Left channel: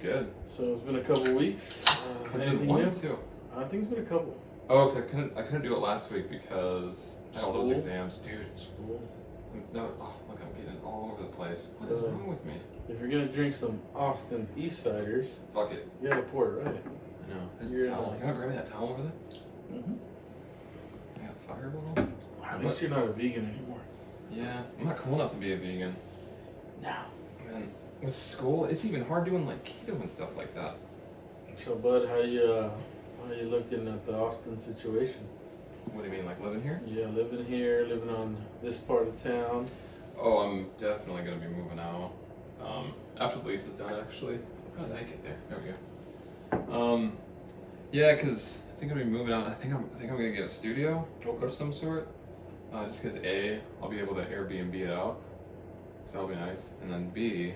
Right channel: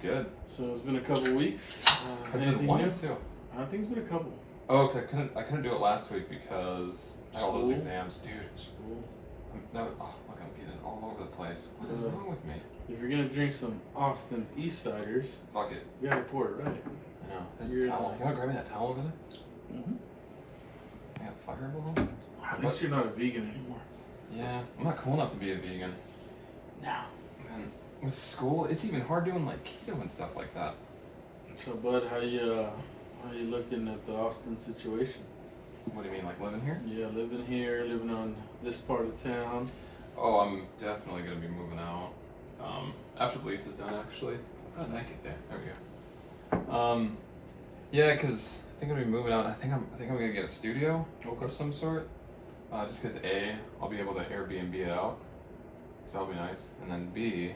good. So it's been a couple weeks. Has it been 1 or 2? I think it's been a couple. Oh, because I couldn't do it last week because I had all those School? exams, dude. School. No, oh, look, I'm getting all over the place. What is wrong with me? If you're gonna drink some Austin's East Ciders, Fuck it. you gotta pour it right. I know. There's You're a towel. You wanna grab me that towel over there? Mm-hmm. I got Fireball. At least you're not a vegan anymore. Yeah, I'm not cool enough to be a vegan. No. Man, with school, it's even hard doing like keto and stuff like that. So, Bud, how you looking at the Austin situation? What do you mean, like living here? Yeah, living here, living on this part of town. Oh, I'm definitely gonna be moving out. After the lease is done, actually. How did I get there? There we go. Yeah, cause I think I'm gonna be moving out. I think I'm gonna get a studio of some sort. Just cause A, I'll be able to Airbnb it out, so that'll be nice. And then B,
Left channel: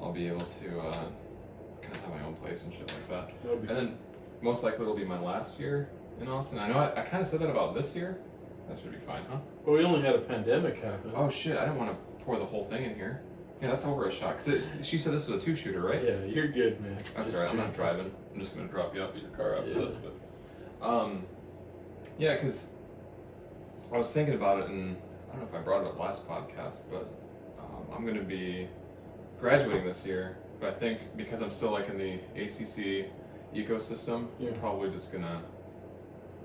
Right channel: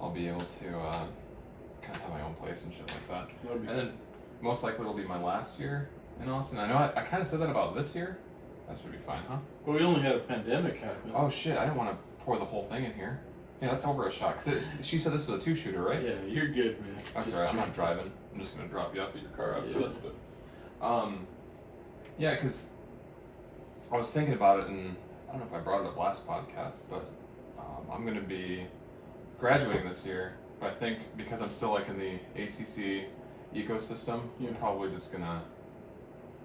I'll be able to kind of have my own place and shit like that. And then most likely it'll be my last year in Austin. I know I kind of said that about this year. That should be fine, huh? Well, we only had a pandemic happen. Oh shit! I didn't want to pour the whole thing in here. Yeah, that's over a shot. Cause she said this is a 2-shooter, right? Yeah, you're good, man. That's Just alright. I'm not drink. driving. I'm just gonna drop you off at your car after Yeah. this. But, yeah, cause I was thinking about it, and I don't know if I brought it up last podcast, but I'm gonna be graduating this year. But I think because I'm still like in the ACC ecosystem, Yeah. I'm probably just gonna.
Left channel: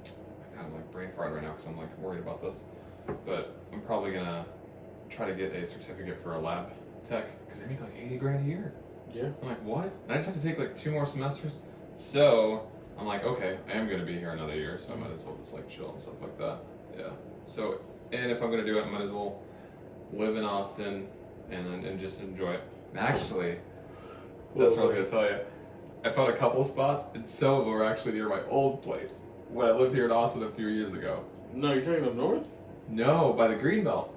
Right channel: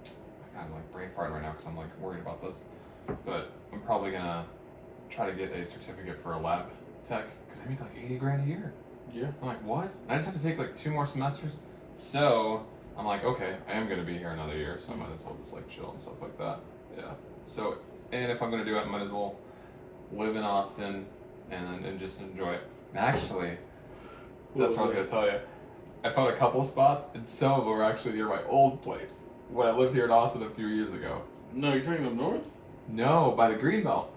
I'm kind of like brain farting right now because I'm like worried about this. But I'm probably gonna try to get a certificate for a lab tech because I make like $80,000 a year. Yeah. I'm like, what? And I just have to take like 2 more semesters. So I'm like, okay, I am gonna be here another year, so I might as well just like chill and stuff like that. Yeah. So, and if I'm gonna do it, I might as well live in Austin and just enjoy it. Actually, that's what I was gonna tell you. I found a couple spots, and some of them were actually near my old place when I lived here in Austin a few years ago. No, you're talking up north? No, by the Greenbelt.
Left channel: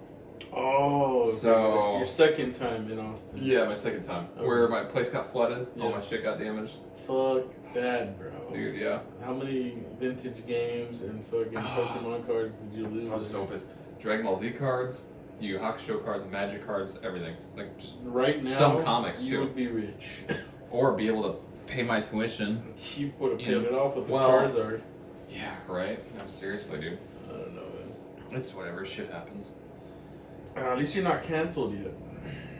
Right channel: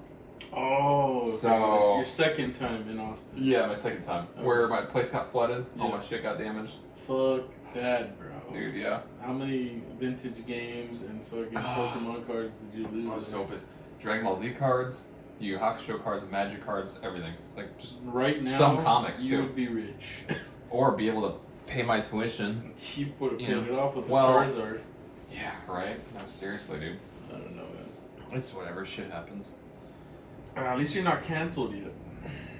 Oh, So- your second time in Austin. Yeah, my second time, Okay. where my place got flooded, all my Yes. shit got damaged. Fuck that, bro. Dude, yeah. How many vintage games and fucking Pokemon cards did you lose? I was so pissed. Dragon Ball Z cards, Yu Yu Hakusho cards, Magic cards, everything. Like just Right now, some comics, you too. would be rich. or be able to pay my tuition. You would have You paid know, it off with well- the Charizard. Yeah, right. No, seriously, dude. I don't know, man. It's whatever. Shit happens. At least you're not canceled yet.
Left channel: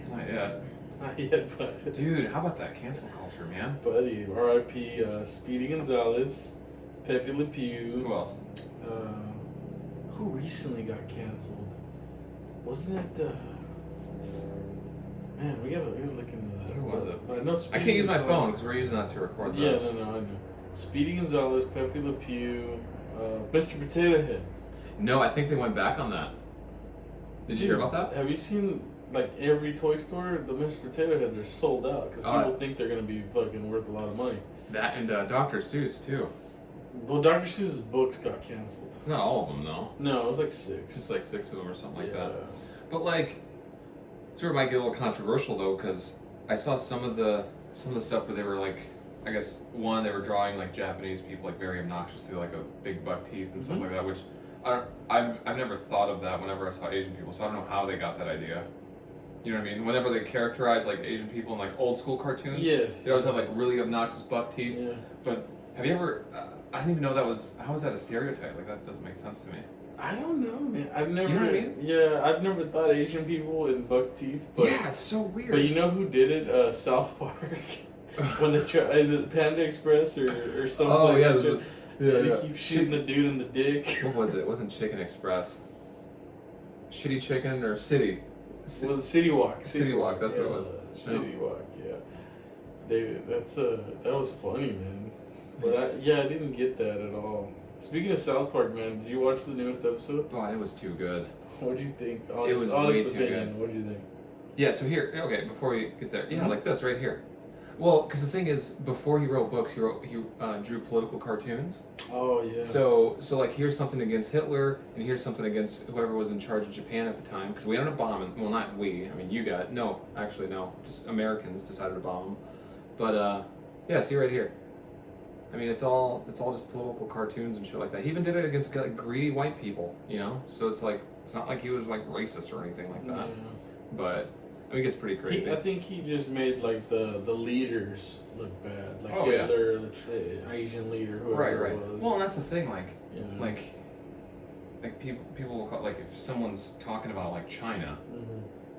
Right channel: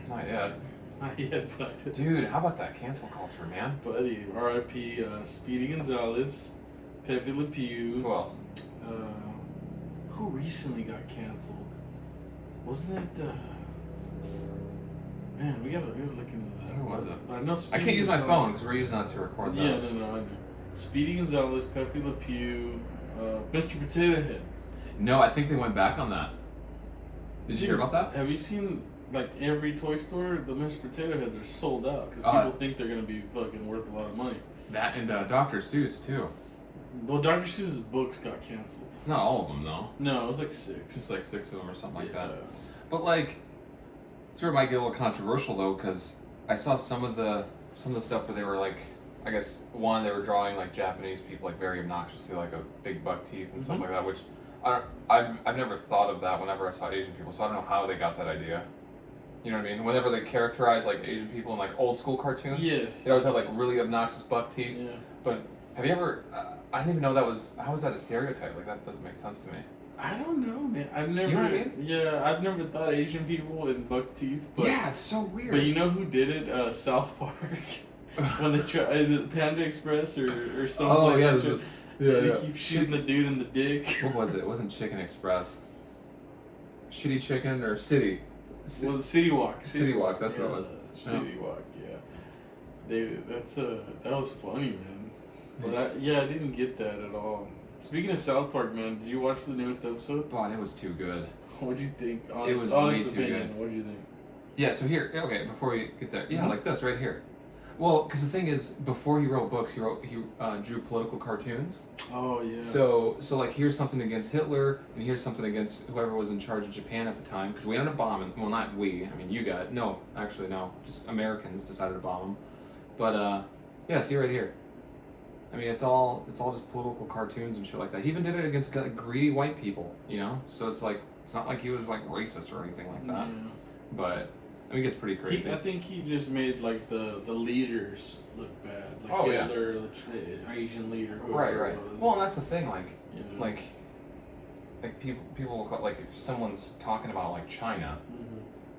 Not yet. Not yet, but Dude, how about that cancel culture, man? buddy, R.I.P. Speedy Gonzalez, Pepe Le Pew. Who else? Who recently got canceled? Wasn't it? Man, we gotta look into that. Who was it? But I know. I Speedy can't use my Gonzalez- phone because we're using that to record Yeah, this. no, I know. Speedy Gonzalez, Pepe Le Pew, Mr. Potato Head. No, I think they went back on that. Did you hear about that? Have you seen like every toy store? The Mr. Potato Heads are sold out because people think they're gonna be fucking worth a lot of money. That and Dr. Seuss too. Well, Dr. Seuss's books got canceled. Not all of them though. No, it was like 6. Just like 6 of them or something like yeah. that. But like, it's where it might get a little controversial though, because I saw some of the stuff where they were like, I guess they were drawing like Japanese people like very obnoxiously, like a big buck teeth and stuff like that, which I've never thought of that whenever I saw Asian people, so I don't know how they got that idea. You know what I mean? Whenever they characterize like Asian people in like old school cartoons, Yes. they always have like really obnoxious buck teeth. Yeah. But have you ever? I didn't even know that was. How is that a stereotype? Like that doesn't make sense to me. I don't know, man. I've never. You know what I mean? Yeah, I've never thought Asian people in buck teeth. But, Yeah, it's so weird. But you know who did it? South Park. When they try, is it Panda Express or something? Oh yeah, He keeps shooting the dude in the dick. What was it? It wasn't Chicken Express. Shitty Chicken or City? It was City Walk. City Walk, that's what it was. City Walk, yeah. That was funny, man. But It's- I didn't get that at all. Speaking of South Park, man, did you watch the newest episode? Oh, it was too good. What'd you think? It was way too good. What'd you think? Yeah, so here, okay, before we get there, yeah, like this right here. Well, because the thing is, before he wrote books, he drew political cartoons. Oh yeah. So like, here's something against Hitler, and here's something against whoever was in charge of Japan at the time, because we ended up bombing. Well, not we. I mean, you got no. Actually, no. Just Americans decided to bomb them. But yeah, see right here. I mean, it's all just political cartoons and shit like that. He even did it against like, greedy white people, you know. So it's like it's not like he was like racist or anything like that. Yeah. But I mean, it gets pretty crazy. I think he just made like the leaders look bad, like Hitler, the Asian leader, whoever it was. Well, and that's the thing, like, you know? like people will call, like, if someone's talking about like China,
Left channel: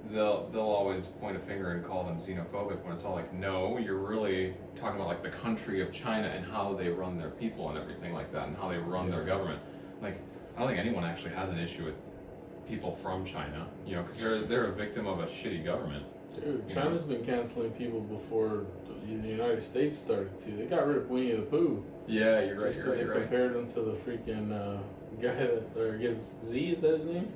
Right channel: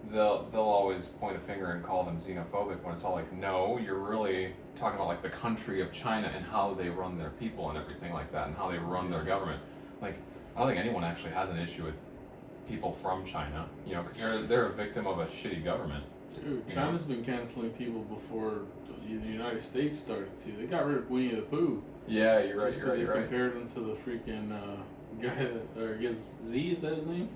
they'll always point a finger and call them xenophobic when it's all like, no, you're really talking about like the country of China and how they run their people and everything like that and how they run their government. Like, I don't think anyone actually has an issue with people from China, you know, because they're a victim of a shitty government. Dude, China's been canceling people before the United States started to. They got rid of Winnie the Pooh. Yeah, you're right. They compared him to the freaking guy that, or I guess Z, is that his name?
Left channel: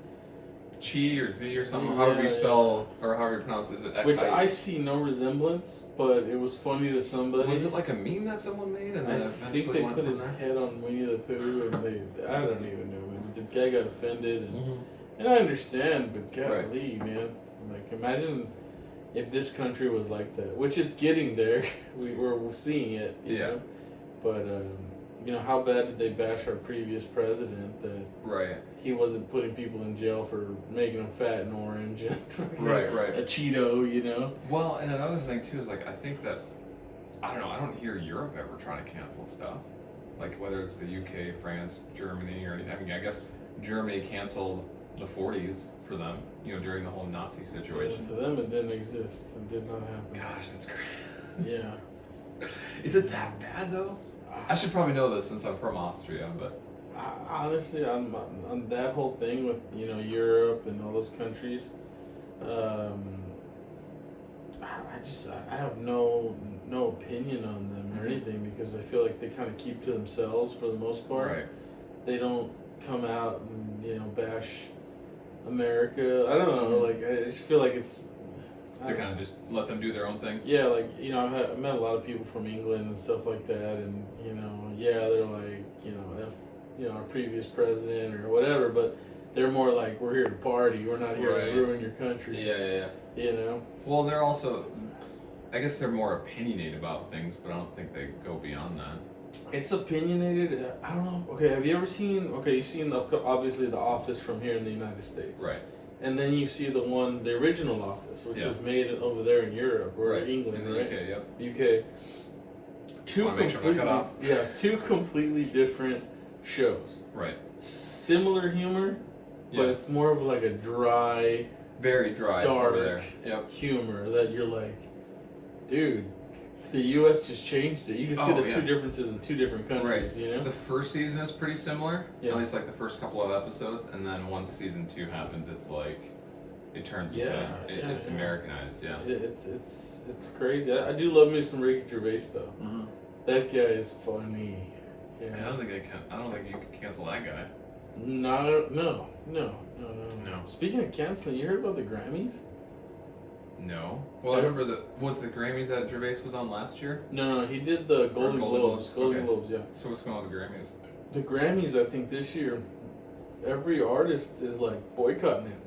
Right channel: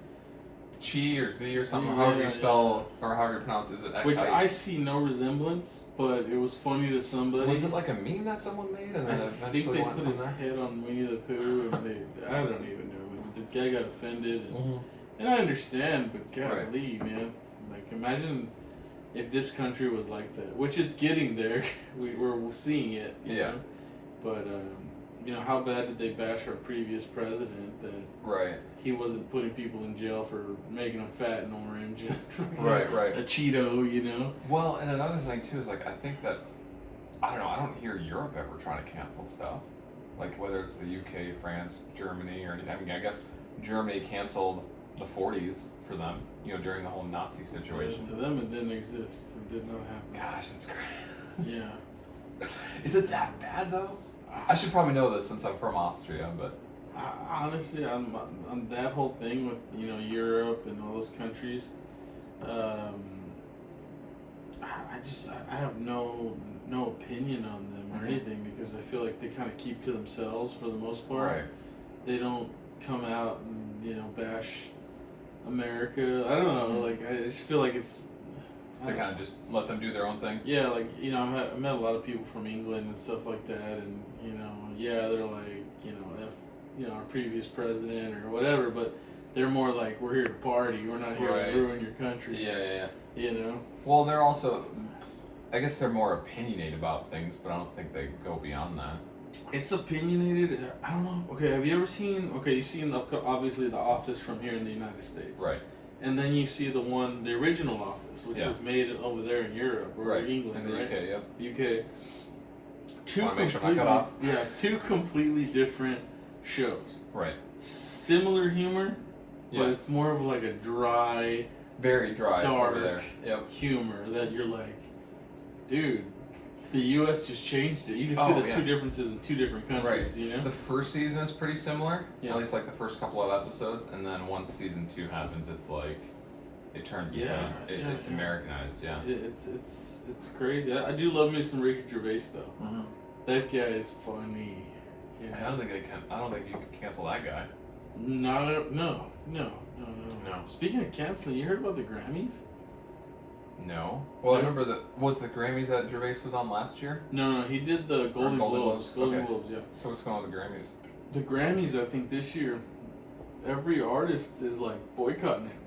Chi or Z or something, however you spell or however you pronounce it. Is it X-I? Which I see no resemblance, but it was funny to somebody. Was it like a meme that someone made and then eventually think they went put from his there? head on Winnie the Pooh, and I don't even know. The guy got offended, and I understand, but golly, man, like imagine if this country was like that, which it's getting there. We're seeing it, you know? But you know, how bad did they bash our previous president that he wasn't putting people in jail for making them fat and orange, and a Cheeto, you know? Well, and another thing too is like I think that I don't hear Europe ever trying to cancel stuff, like whether it's the UK, France, Germany, or anything. I mean, I guess Germany canceled the 40s for them, you know, during the whole Nazi situation. Yeah, to them, it didn't exist. It did not happen. Gosh, that's crazy. Yeah. Is it that bad though? I should probably know this since I'm from Austria, but honestly, on that whole thing with, you know, Europe and all those countries, I have no opinion on them or anything, because I feel like they kind of keep to themselves for the most part. Right. They don't come out and, you know, bash America. I don't know. Like, I just feel like it's. They kind of just let them do their own thing. Yeah, like, you know, I've met a lot of people from England and stuff like that, and, you know, they're like, you know, you know, our previous president or whatever, but they're more like, we're here to party, we're not here to ruin your country. Yeah. You know? Well, they're also, I guess they're more opinionated about things, but I don't think they go beyond that. It's opinionated. I don't know. Okay, have you ever seen? Okay, you've seen obviously The Office from here in the United States, right? And then you see the original Office, which was made over there in Europe or England, in the right? UK, yep. UK. Two completely different shows. Right. Similar humor, but it's more of like a dry, very dry, dark over there. Yep. humor that you're like, dude. The U.S. just changed it. You can see the two differences in two different countries, you know? The first season is pretty similar, at least like the first couple of episodes, and then once season 2 happens, it's like, it turns it's Americanized, It's crazy. I do love me some Ricky Gervais, though. Mm-hmm. That guy is funny. Yeah. I don't think you can cancel that guy. No. Speaking of canceling, you heard about the Grammys? No. Well, I remember was the Grammys that Gervais was on last year? No, he did the Golden Globes. Golden Globes, yeah. So what's going on with the Grammys? The Grammys, I think this year, every artist is like boycotting it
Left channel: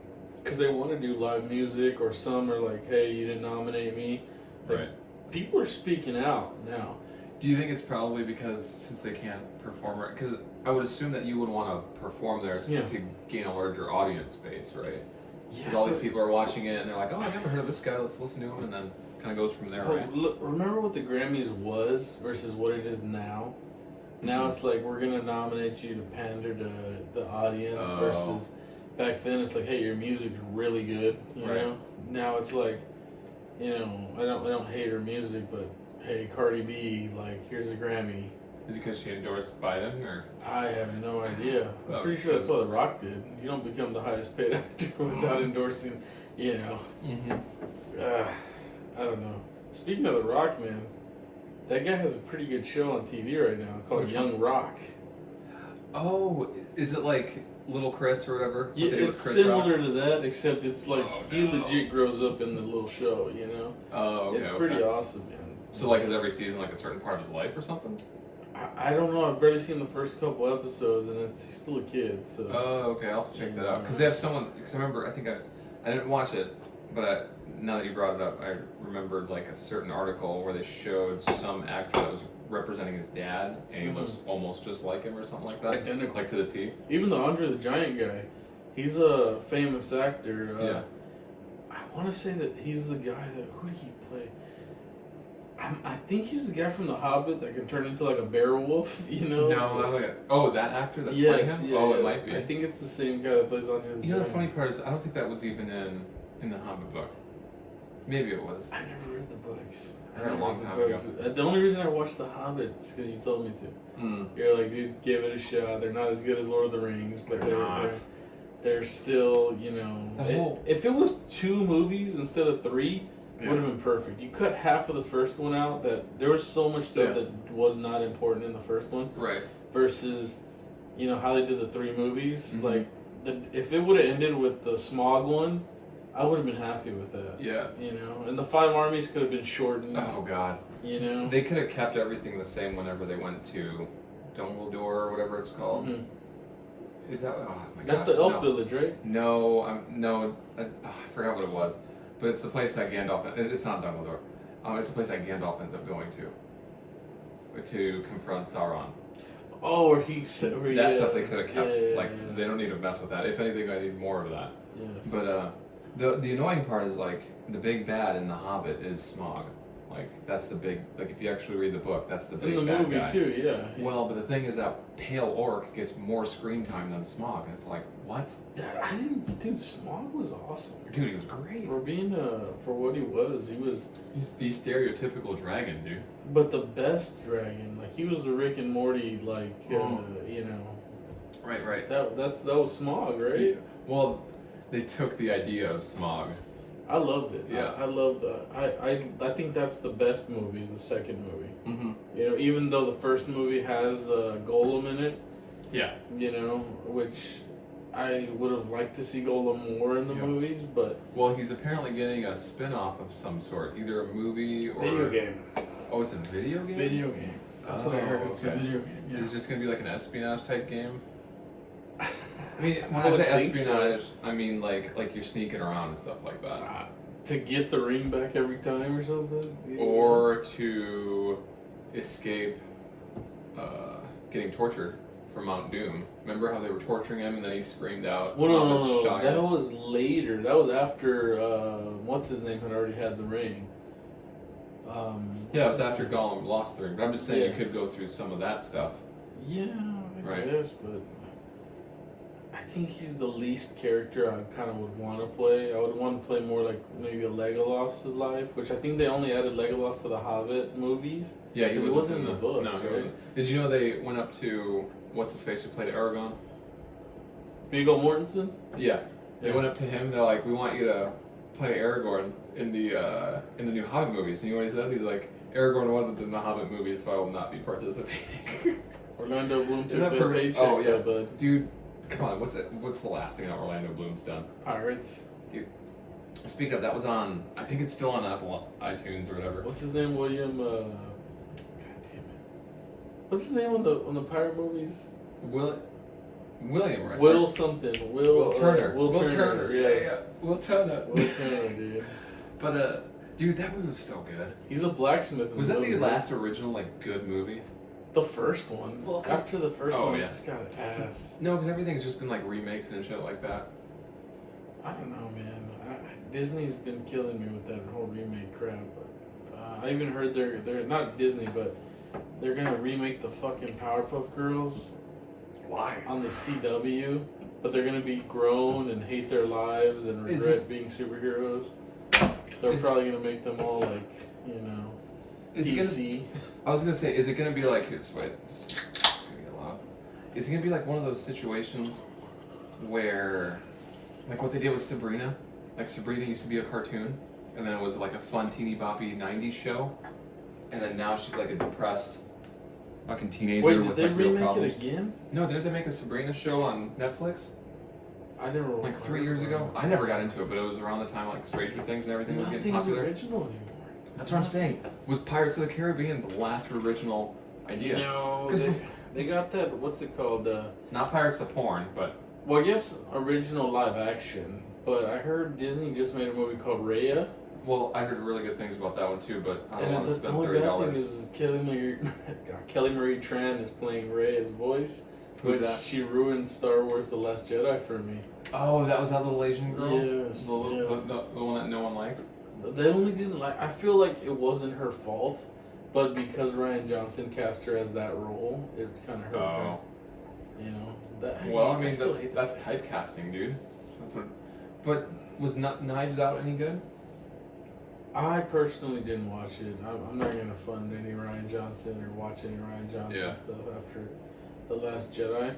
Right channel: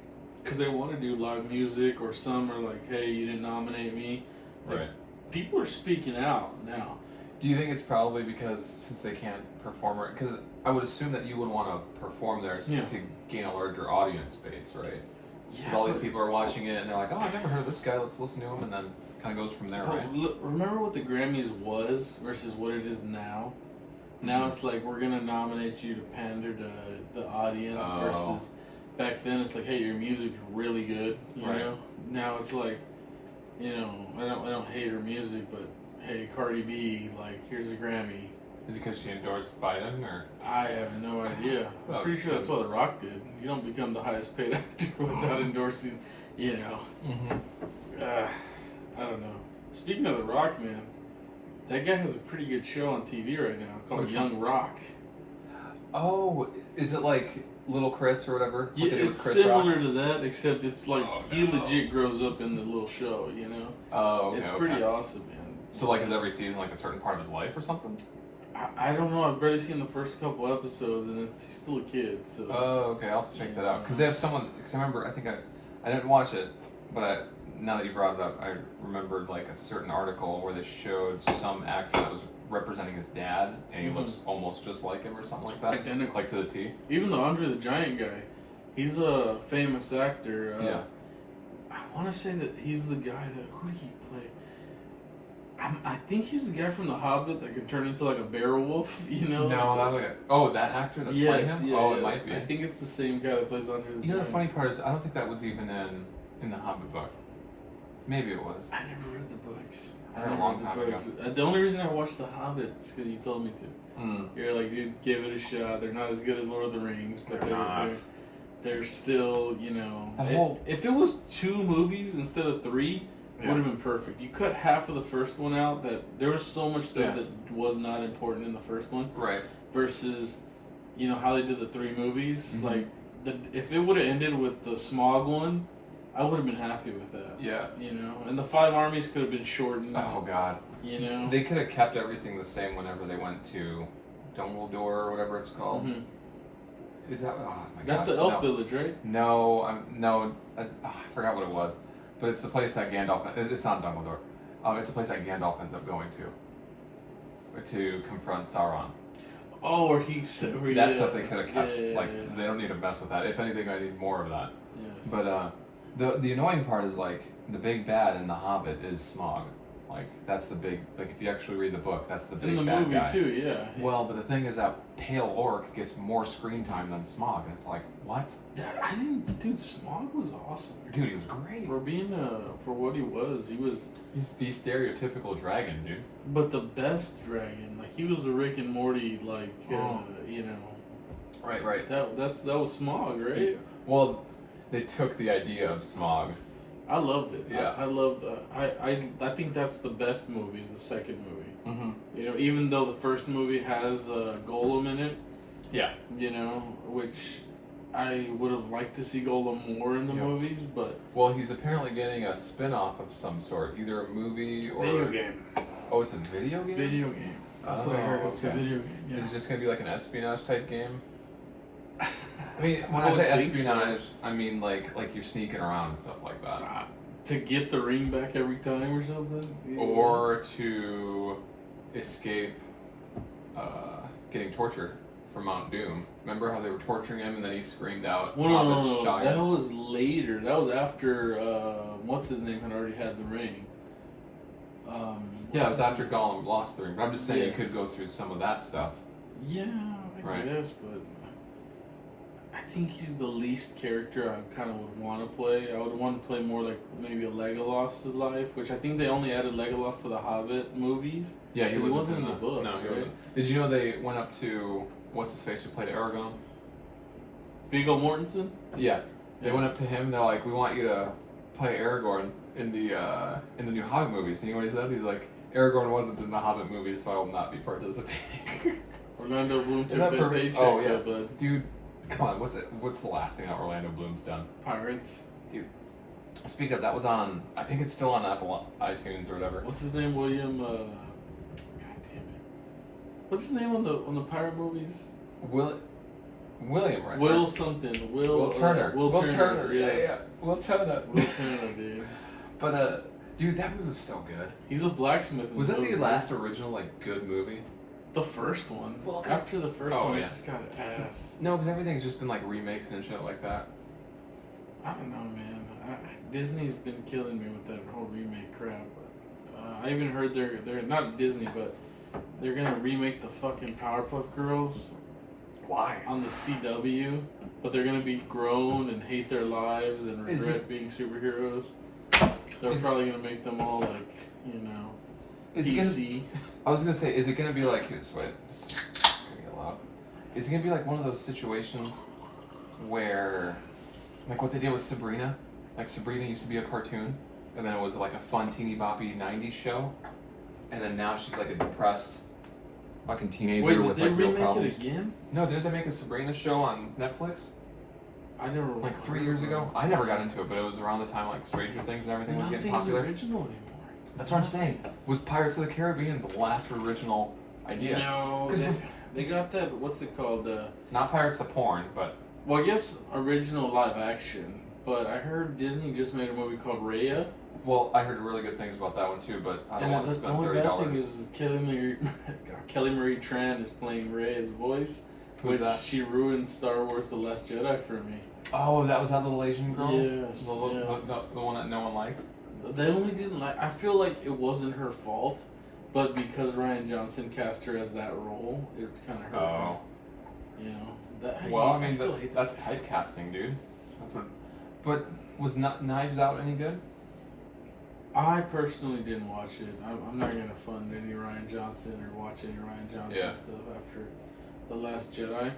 because they want to do live music, or some are like, hey, you didn't nominate me. Like, people are speaking out now. Do you think it's probably because since they can't perform it? Because I would assume that you would want to perform there to gain a larger audience base, right? Because all these people are watching it and they're like, oh, I never heard of this guy, let's listen to him, and then kind of goes from there, right? Look, remember what the Grammys was versus what it is now? Now it's like, we're going to nominate you to pander to the audience versus back then it's like, hey, your music's really good, you know? Now it's like, you know, I don't hate her music, but hey, Cardi B, like, here's a Grammy. Is it because she endorsed Biden, or? I have no idea. I'm pretty sure that's what The Rock did. You don't become the highest paid actor without endorsing, you know. I don't know. Speaking of The Rock, man, that guy has a pretty good show on TV right now called Young Rock. Oh, is it like Little Chris or whatever? Yeah, it's similar to that, except it's like he legit grows up in the little show, you know? Oh, okay. It's pretty awesome, man. So, like, is every season like a certain part of his life or something? I don't know. I've barely seen the first couple episodes, and he's still a kid. So. Oh, okay. I'll have to check that out because they have someone. Because I remember, I think I didn't watch it, but now that you brought it up, I remembered like a certain article where they showed some actor that was representing his dad, and he looks almost just like him or something like that, identical, like to the T. Even the Andre the Giant guy, he's a famous actor. I want to say that he's the guy that who did he play? I think he's the guy from The Hobbit that can turn into like a bear wolf. You know? No, not like that actor that's playing him. Yeah, oh, it might be. I think it's the same guy that plays Andre the You know, the Giant. funny part is, I don't think that was even in the Hobbit book. Maybe it was. I never read the books. I read a long time ago. The only reason I watched The Hobbit is because you told me to. Mm. You're like, dude, give it a shot. They're not as good as Lord of the Rings, but They're not. they're still, you know. That whole- If it was 2 movies instead of 3, Yeah. would have been perfect. You cut half of the first one out. That there was so much stuff Yeah. that was not important in the first one. Right. Versus, you know, how they did the 3 movies. Mhm. Like, if it would have ended with the Smaug one, I would have been happy with that. Yeah. You know, and the 5 armies could have been shortened. Oh God. You know, They could have kept everything the same whenever they went to Dumbledore or whatever it's called. Mhm. Is that? Oh my That's gosh, the elf no. village, right? No, I forgot what it was, but it's the place that Gandalf. It's not Dumbledore. It's the place that Gandalf ends up going to confront Sauron. Oh, where he said That stuff they could have kept. Yeah. They don't need to mess with that. If anything, I need more of that. Yes. But the annoying part is like the big bad in The Hobbit is Smaug. Like that's the big, like if you actually read the book, that's the big in the bad movie guy. too, yeah. Well, but the thing is that Pale Orc gets more screen time than Smaug, and it's like, what? I didn't. Dude, Smaug was awesome. Dude, he was great. For being for what he was. He's the stereotypical dragon, dude. But the best dragon, like he was the Rick and Morty, like Oh. you know. Right. That was Smaug, right? Well, they took the idea of Smaug. I loved it. Yeah. I loved. I think that's the best movie. Is the second movie. Mm-hmm. You know, even though the first movie has Gollum in it. Yeah. You know, which I would have liked to see Gollum more in the Yeah. movies, but Well, he's apparently getting a spin-off of some sort, either a movie or video game. Oh, it's a video game. Video game. That's what I heard. It's a okay. video game. Yeah. Is it just gonna be like an espionage type game? I mean, when I I say would think so. espionage, I mean like you're sneaking around and stuff like that, To get the ring back every time or something? Yeah. or to escape getting tortured from Mount Doom. Remember how they were torturing him and then he screamed out, Well, no, "Hobbit's no. Shire." That was later. That was after, what's his name had already had the ring. Yeah, it was after Gollum lost the ring. But I'm just saying you Yes. could go through some of that stuff. Yeah, I Right. guess, but I think he's the least character I kind of would want to play. I would want to play more like maybe a Legolas' life, which I think they only added Legolas to the Hobbit movies. Yeah, he He wasn't wasn't in in the books, No, he right? wasn't. Did you know they went up to what's his face who played Aragorn? Viggo Mortensen? Yeah, they Yeah. went up to him and they're like, "We want you to play Aragorn in the new Hobbit movies." And you know what he said? He's like, "Aragorn wasn't in the Hobbit movies, so I will not be participating." Orlando Bloom Isn't took that that perfect? paycheck, Oh, yeah. but Dude, come on, what's the last thing that Orlando Bloom's done? Pirates. Speaking of, that was on. I think it's still on Apple iTunes or whatever. What's his name? William. God damn it. What's his name on the pirate movies? William, right? Will something. Will Turner. Will Turner. Yes. Yeah. Will Turner. Will Turner, dude. But dude, that movie was so good. He's a blacksmith. in Was that the movie. last original like good movie? The first one. Well, After the first Oh, one, yeah. it just got ass. No, because everything's just been like remakes and shit like that. I don't know, man. Disney's been killing me with that whole remake crap. I even heard they're not Disney, but they're gonna remake the fucking Powerpuff Girls Why? on the CW. But they're gonna be grown and hate their lives and Is regret being superheroes. They're Is- probably gonna make them all like, you know, Is it gonna? PC. I was gonna say, is it gonna be like? Here's wait, it's gonna get loud. Is it gonna be like one of those situations where, like what they did with Sabrina? Like Sabrina used to be a cartoon, and then it was like a fun teeny boppy '90s show, and then now she's like a depressed fucking teenager Wait, did with they like real remake problems. it again? No, didn't they make a Sabrina show on Netflix I never. like 3 years ago? I never got into it, but it was around the time like Stranger Things and everything was getting Nothing's popular. original anymore. That's what I'm saying. Was Pirates of the Caribbean the last original idea? No, 'Cause they got that. What's it called? Not Pirates the porn, but Well, I guess original live action. But I heard Disney just made a movie called Raya. well, I heard really good things about that one too. But I don't And want to the spend only bad thing $30. is Kelly Marie Tran is playing Raya's voice. Who's which that? she ruined Star Wars: The Last Jedi for me. Oh, that was that little Asian girl. Yes, the one that no one liked. They only didn't like. I feel like it wasn't her fault, but because Ryan Johnson cast her as that role, it kind of hurt her. You know. Well, I mean that's typecasting, dude. That's what. But was Knives Out any good? I personally didn't watch it. I'm not gonna fund any Ryan Johnson or watch any Ryan Johnson stuff after The Last Jedi.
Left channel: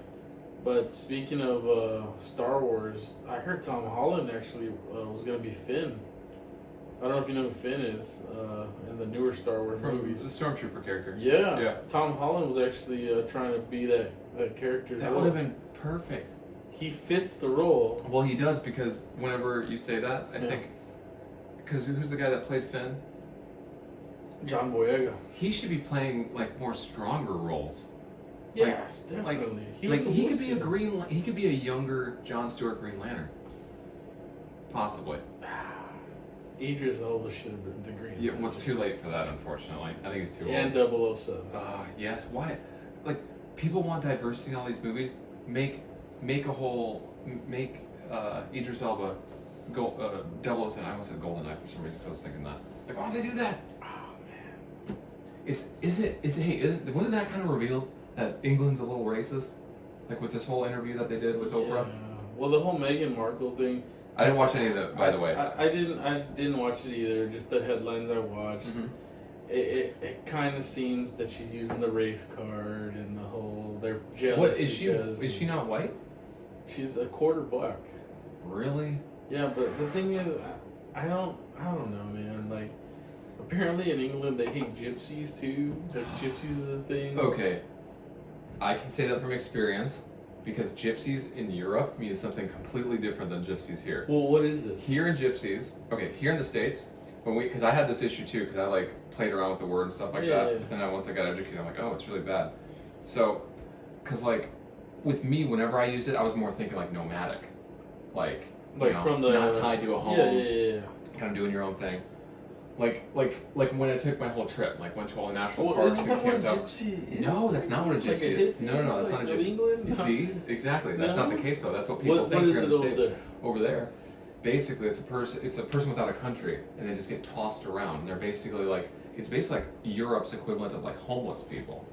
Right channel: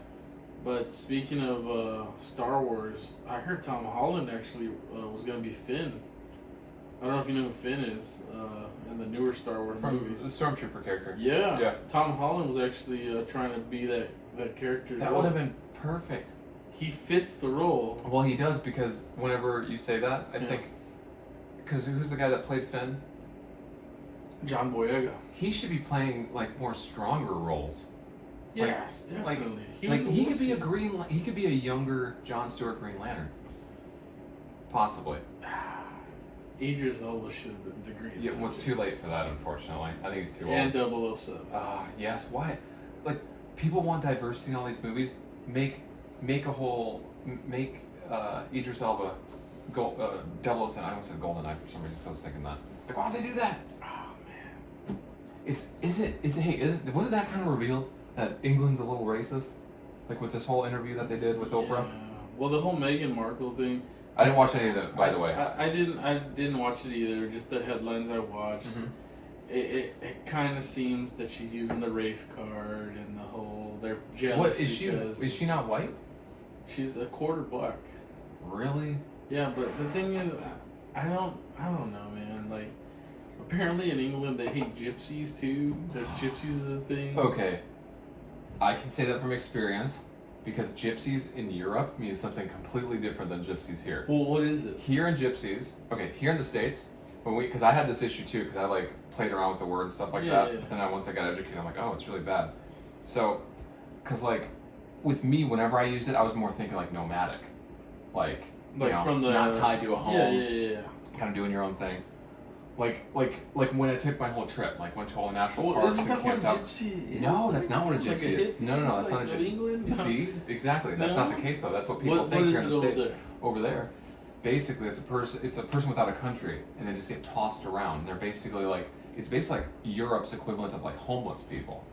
But speaking of Star Wars, I heard Tom Holland actually was gonna be Finn. I don't know if you know who Finn is in the newer Star Wars movies. The Stormtrooper character. Yeah. Tom Holland was actually trying to be that character. That would have been perfect. He fits the role. Well, he does, because whenever you say that, I think, because who's the guy that played Finn? John Boyega. He should be playing like more stronger roles. Yes, definitely. He could be he could be a younger Jon Stewart Green Lantern. Possibly. Idris Elba should have been the Green Lantern. Yeah, well, it's too late for that, unfortunately. I think he's too old. And 007. Yes. Why? Like, people want diversity in all these movies. Make Idris Elba 007. I almost said GoldenEye for some reason, so I was thinking that. Like, why don't they do that? Oh man. Wasn't that kind of revealed that England's a little racist? Like with this whole interview that they did with Oprah? Well, the whole Meghan Markle thing. I didn't watch any of it, by the way. I didn't watch it either. Just the headlines I watched. Mm-hmm. It kind of seems that she's using the race card and the whole. They're jealous. What is she? Is she not white? She's a quarter black. Really? Yeah, but the thing is, I don't know, man. Like, apparently in England they hate gypsies too. That gypsies is a thing. Okay, I can say that from experience, because gypsies in Europe mean something completely different than gypsies here. Well, what is it? Here in gypsies, here in the States, because I had this issue too, because I like played around with the word and stuff like that. Yeah. But then once I got educated, I'm like, oh, it's really bad. So, because like with me, whenever I used it, I was more thinking like nomadic, like you know, from the not tied to a home. Yeah. Kind of doing your own thing. Like when I took my whole trip, like went to all the national parks and camped out. No, that's not what a gypsy is. No, that's not a gypsy. England? You see, exactly. That's not the case though. That's what people think here in the States. Over there, basically, it's a person without a country, and they just get tossed around. And they're basically like, it's basically like Europe's equivalent of like homeless people.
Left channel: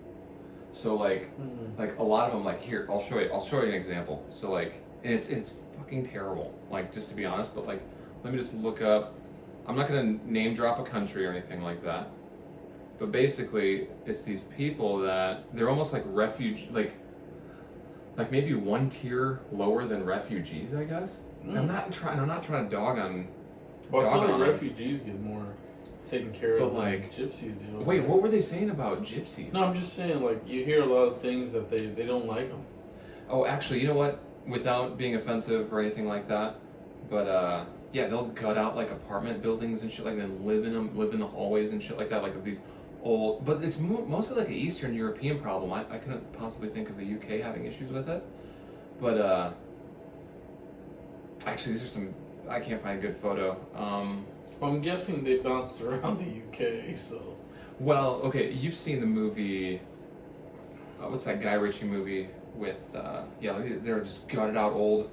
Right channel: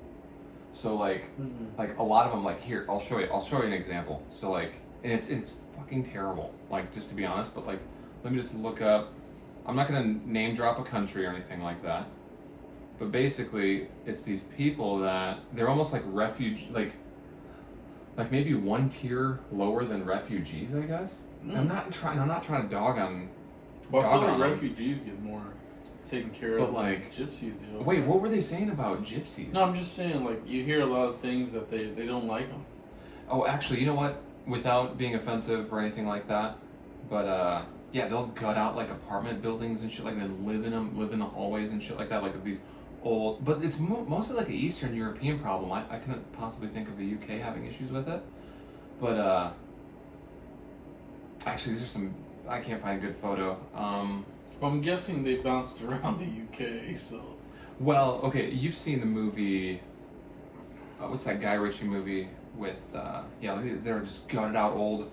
So like a lot of them, like, here, I'll show you an example. So like, and it's fucking terrible. Like, just to be honest, but like, let me just look up. I'm not gonna name drop a country or anything like that, but basically, it's these people that they're almost like like maybe one tier lower than refugees, I guess. I'm not trying to dog on. Well, I feel like refugees get more taken care of than gypsies do. Wait, what were they saying about gypsies? No, I'm just saying, like, you hear a lot of things that they don't like them. Oh, actually, you know what? Without being offensive or anything like that, but yeah, they'll gut out like apartment buildings and shit, like, and live in them, live in the hallways and shit like that, like these old. But it's mostly like an Eastern European problem. I couldn't possibly think of the UK having issues with it, but actually, these are some. I can't find a good photo. I'm guessing they bounced around the UK, so. Well, okay, you've seen the movie. What's that Guy Ritchie movie with? They're just gutted out old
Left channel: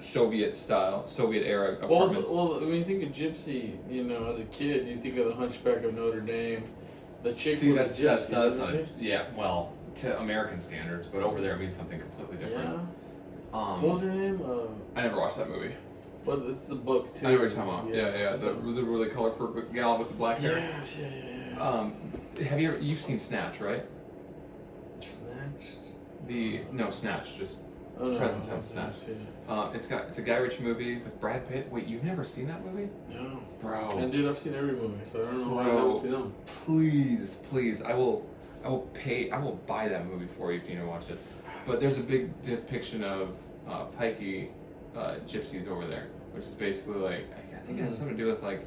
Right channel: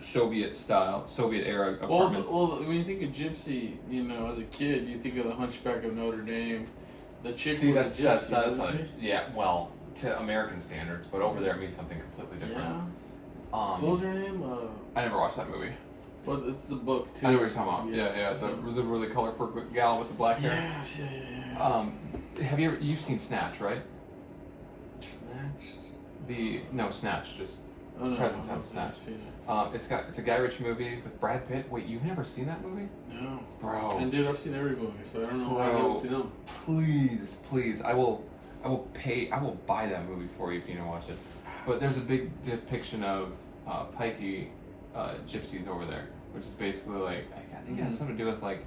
Soviet era apartments. Well, when you think of gypsy, you know, as a kid, you think of the Hunchback of Notre Dame. The chick was a gypsy. That's not. Yeah, well, to American standards, but over there it means something completely different. Yeah. What was her name? I never watched that movie. But it's the book too. I know what you're talking about. Yeah. So, the really colorful gal with the black hair. Yes, yeah. Have you've seen Snatch, right? Snatch. Snatch. Just present tense Snatch. It's a Guy Ritchie movie with Brad Pitt. Wait, you've never seen that movie? No, bro. And dude, I've seen every movie, so I don't know why I haven't seen them. Please, I will buy that movie for you if you don't watch it. But there's a big depiction of pikey gypsies over there, which is basically like, I think it has something to do with like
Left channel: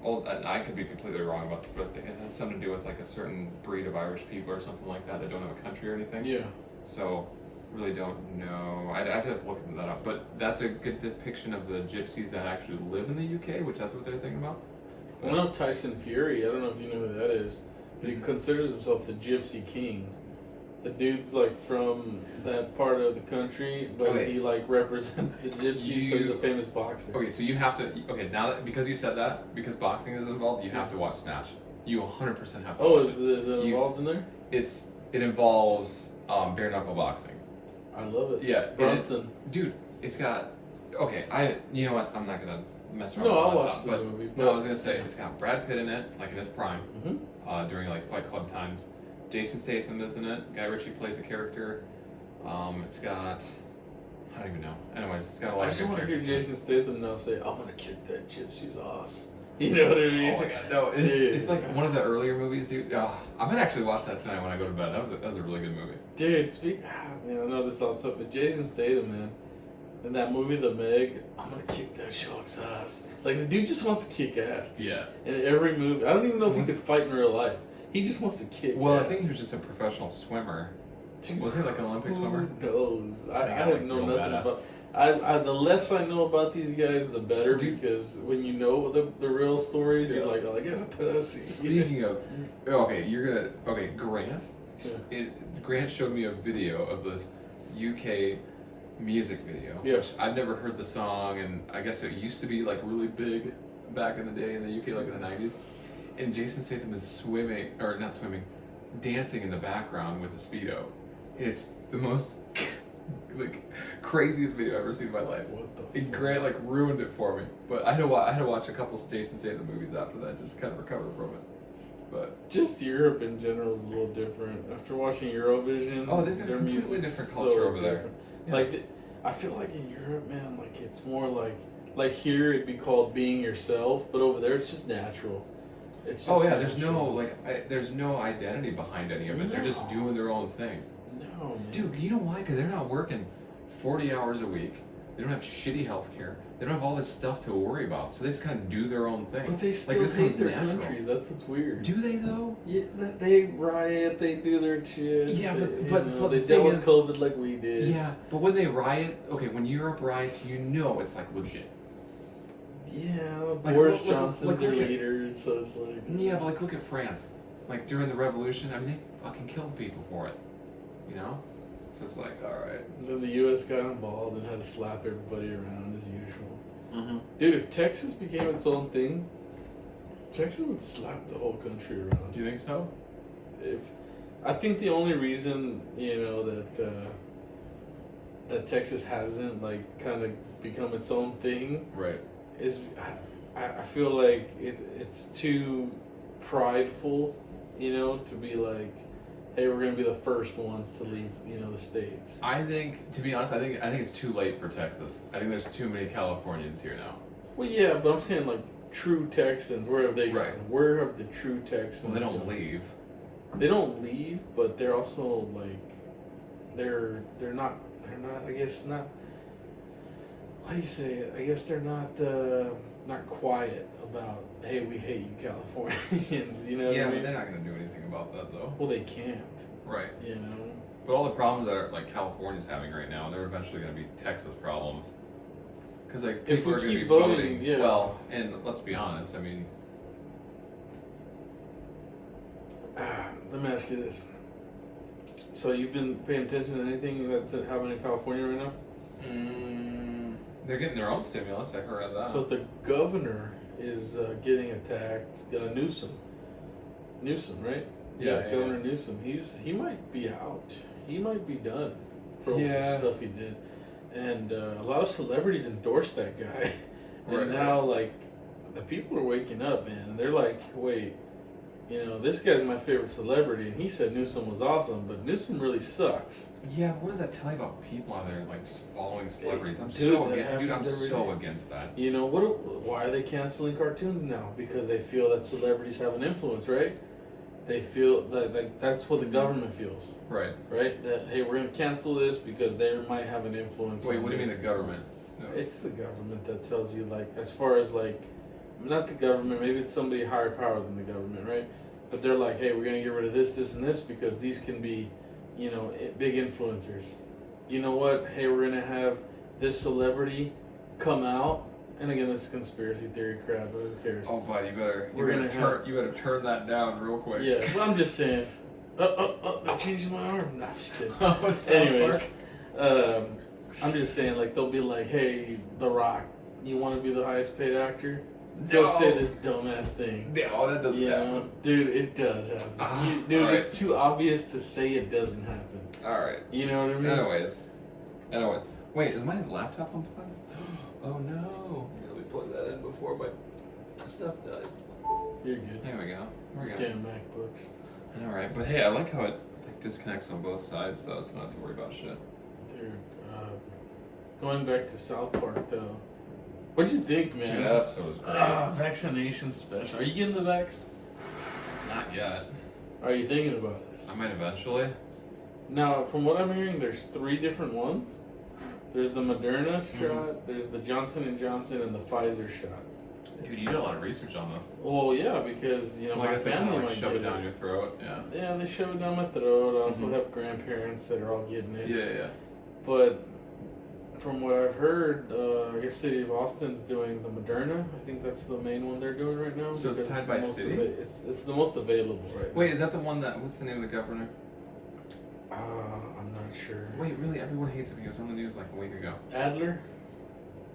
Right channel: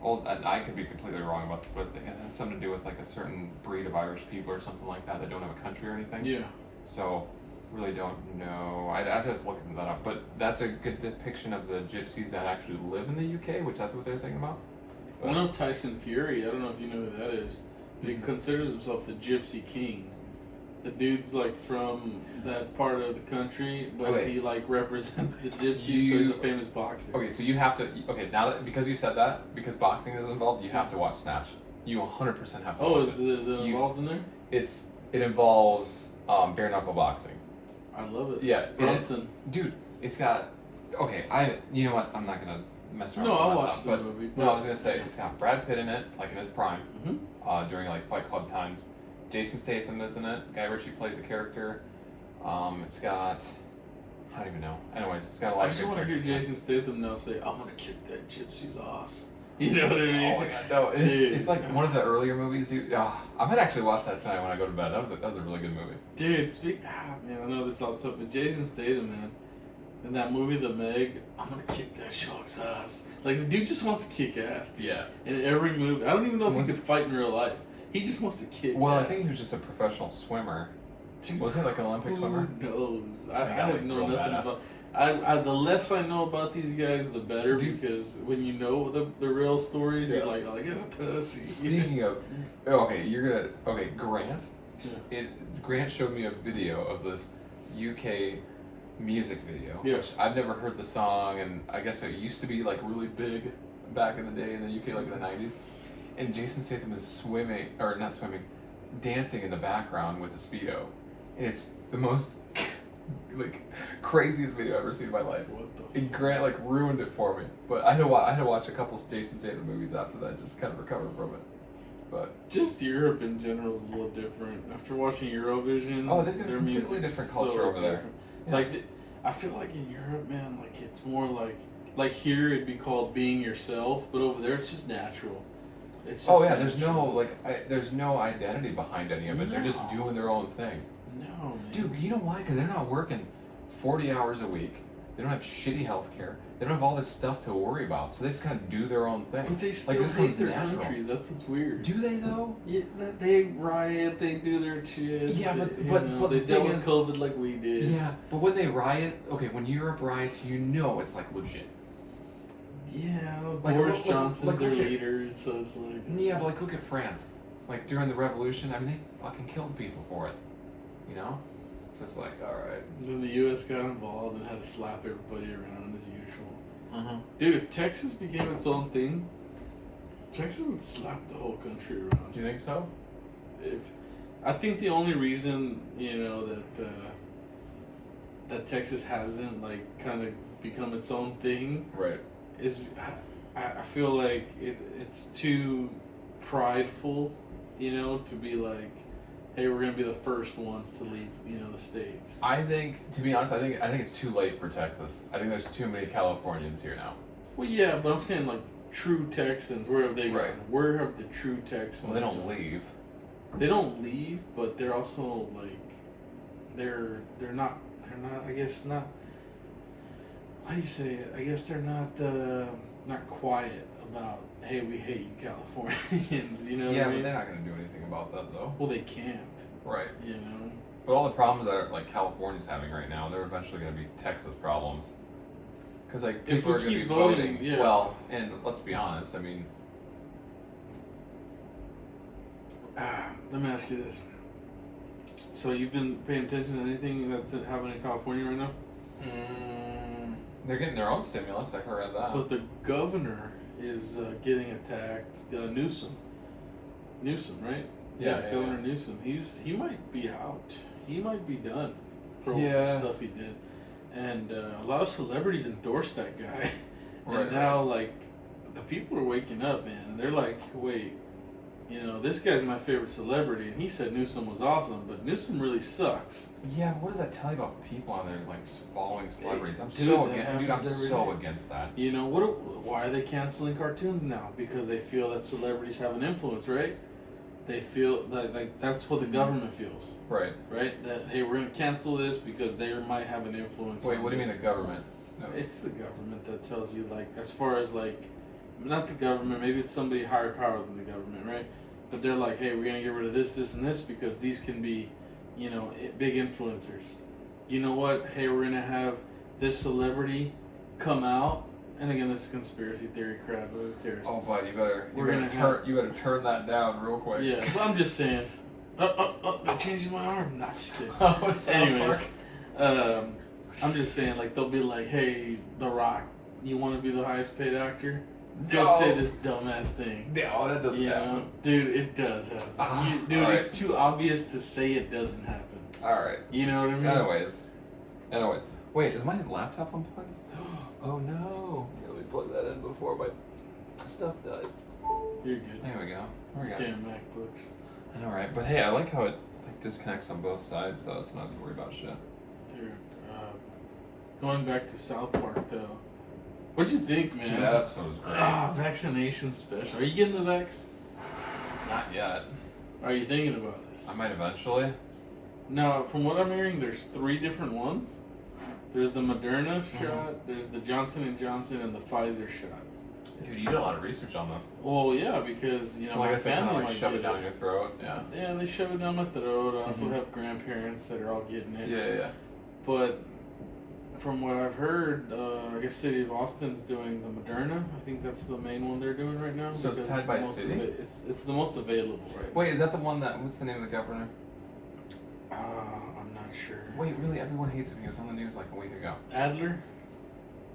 old. I could be completely wrong about this, but it has something to do with like a certain breed of Irish people or something like that don't have a country or anything. Yeah. So really don't know. I'd have to look that up. But that's a good depiction of the gypsies that actually live in the UK, which that's what they're thinking about. I know Tyson Fury. I don't know if you know who that is, but he considers himself the Gypsy King. the dude's like from that part of the country, but Okay. he like represents the gypsies, so he's a famous boxer. Okay, so you have to. Okay, now that because you said that, because boxing is involved, you have to watch Snatch. You 100% have to. Oh, watch is it. it involved in there? It involves bare knuckle boxing. I love it. Yeah, Bronson. Dude, it's got. Okay, you know what? I'm not gonna mess around. No, with I'll my watch laptop, the but movie. no, I was gonna say it's got Brad Pitt in it, like in his prime, Mhm. during like Fight Club times. Jason Statham is in it. Guy Ritchie plays a character. It's got. I don't even know. Anyways, it's got a lot I of just good want to hear characters. Jason Statham now say, "I'm gonna kick that gypsy's ass." You know what I mean? Oh my god, no! It's like one of the earlier movies, dude. I might actually watch that tonight when I go to bed. That was a really good movie. Dude, man, I know this all tough, but Jason Statham, man, in that movie, The Meg, I'm gonna kick that shark's ass. Like, the dude just wants to kick ass. Dude. Yeah. In every movie. I don't even know if Was- he could fight in real life. He just wants to kick Well, ass. I think he was just a professional swimmer. Dude, Was he like an Olympic swimmer? Who knows? I Yeah, don't like know real nothing badass. about. The less I know about these guys, the better. Dude. Because when you know the real stories, Yeah. you're like, oh, that guy's a pussy. Speaking of, Grant. Grant showed me a video of this UK music video, Yeah. which I've never heard the song, and I guess it used to be like really big back in the day in the UK, like in the 90s. And Jason Statham is dancing in the background with a Speedo. And it's the most like craziest video I've ever seen in my life. What the And Grant like ruined it for me, but I had to watch a couple Jason Statham movies after that just to kind of recover from it. But Just Europe in general is a little different. After watching Eurovision, Oh, they've got a their completely music's different culture over there. different. Yeah. Like, I feel like in Europe, man, like it's more like here it'd be called being yourself, but over there it's just natural. It's just natural. there's no identity behind any of it. They're just No. doing their own thing. No, man. Dude, you know why? Because they're not working 40 hours a week. They don't have shitty health care. They don't have all this stuff to worry about. So they just kind of do their own thing. But they still this hate comes their natural. countries. That's what's weird. Do they though? Yeah, they riot. They do their shit. Yeah, they, but they the dealt thing with is- COVID like we did. Yeah, but when they riot, when Europe riots, you know it's like legit. Yeah, Like, Boris look- Johnson's look their at- leader, so it's like. Yeah, but like look at France. Like during the revolution, I mean they fucking killed people for it. You know? So it's like, alright. Then the U.S. got involved and had to slap everybody around as usual. Mm-hmm. Dude, if Texas became its own thing, Texas would slap the whole country around. Do you think so? I think the only reason that Texas hasn't like kind of become its own thing Right. is I feel like it's too prideful, to be like, hey, we're gonna be the first ones to leave, the states. I think, to be honest, I think it's too late for Texas. I think there's too many Californians here now. Well, yeah, but I'm saying like true Texans. Where have they gone? Right. Where have the true Texans? Well, they don't gone? leave. They don't leave, but they're also like they're not. I guess not. How do you say it? I guess they're not quiet about, hey, we hate you Californians. You know what Yeah, I but mean? they're not going to do anything about that though. Well, they can't. Right. But But all the problems that are, like California's having right now, they're eventually going to be Texas problems. Because like If people we are going to keep be voting, voting. yeah. Well, and let's be honest. I mean, let me ask you this. So you've been paying attention to anything that's happening in California right now? they're getting their own stimulus. I heard of that. But the governor is getting attacked. Newsom, right? Yeah, Governor Newsom. He might be out. He might be done for all the Yeah. stuff he did. And a lot of celebrities endorsed that guy. And Right, now, like, the people are waking up, man. And they're like, wait, this guy's my favorite celebrity. And he said Newsom was awesome, but Newsom really sucks. Yeah, what does that tell you about people out there like just following celebrities? I'm Dude, so that against, dude. I'm happens every so day. against that. Why are they canceling cartoons now? Because they feel that celebrities have an influence, right? They feel that like that's what the government feels, Right. right? That hey, we're gonna cancel this because they might have an influence. Wait, on what do you mean this. the government? No. It's the government that tells you, like, as far as like, not the government. Maybe it's somebody higher power than the government, right? But they're like, hey, we're gonna get rid of this, this, and this because these can be, big influencers. You know what? Hey, we're gonna have this celebrity come out. And again, this is conspiracy theory crap, but who cares? Oh, bud, you better We're gonna turn that down real quick. Yeah, but I'm just saying, they're changing my arm. Not just kidding. Oh, South Anyways, Park. I'm just saying, like, they'll be like, hey, The Rock, you want to be the highest paid actor? Go No. say this dumbass thing. No, that doesn't You know, happen. dude, it does happen. Dude, alright. it's too obvious to say it doesn't happen. Alright. You know what I mean? Anyways. Wait, is my laptop unplugged? Oh no. Let me plug that in before my stuff dies. You're good. There we go. Damn MacBooks. I know, right? But hey, I like how it like disconnects on both sides, though, so I don't have to worry about shit. Dude, going back to South Park, though. What'd you think, man? Dude, that episode was great. Vaccination special. Are you getting the vax? Not yet. Are you thinking about it? I might eventually. Now, from what I'm hearing, there's 3 different ones. There's the Moderna shot, there's the Johnson & Johnson, and the Pfizer shot. Dude, you did a lot of research on this. Well, yeah, because, you know, Well, I my guess they kind family of like might shove get it down your throat. Yeah. Yeah, they shove it down my throat. I also Mhm. have grandparents that are all getting it. Yeah. But from what I've heard, I guess City of Austin's doing the Moderna. I think that's the main one they're doing right now. So it's because tied by the most city? It's the most available right Wait, is that the one that? What's the name of the governor? now. I'm not sure. Wait, really? Everyone hates him. He was on the news like a week ago. Adler?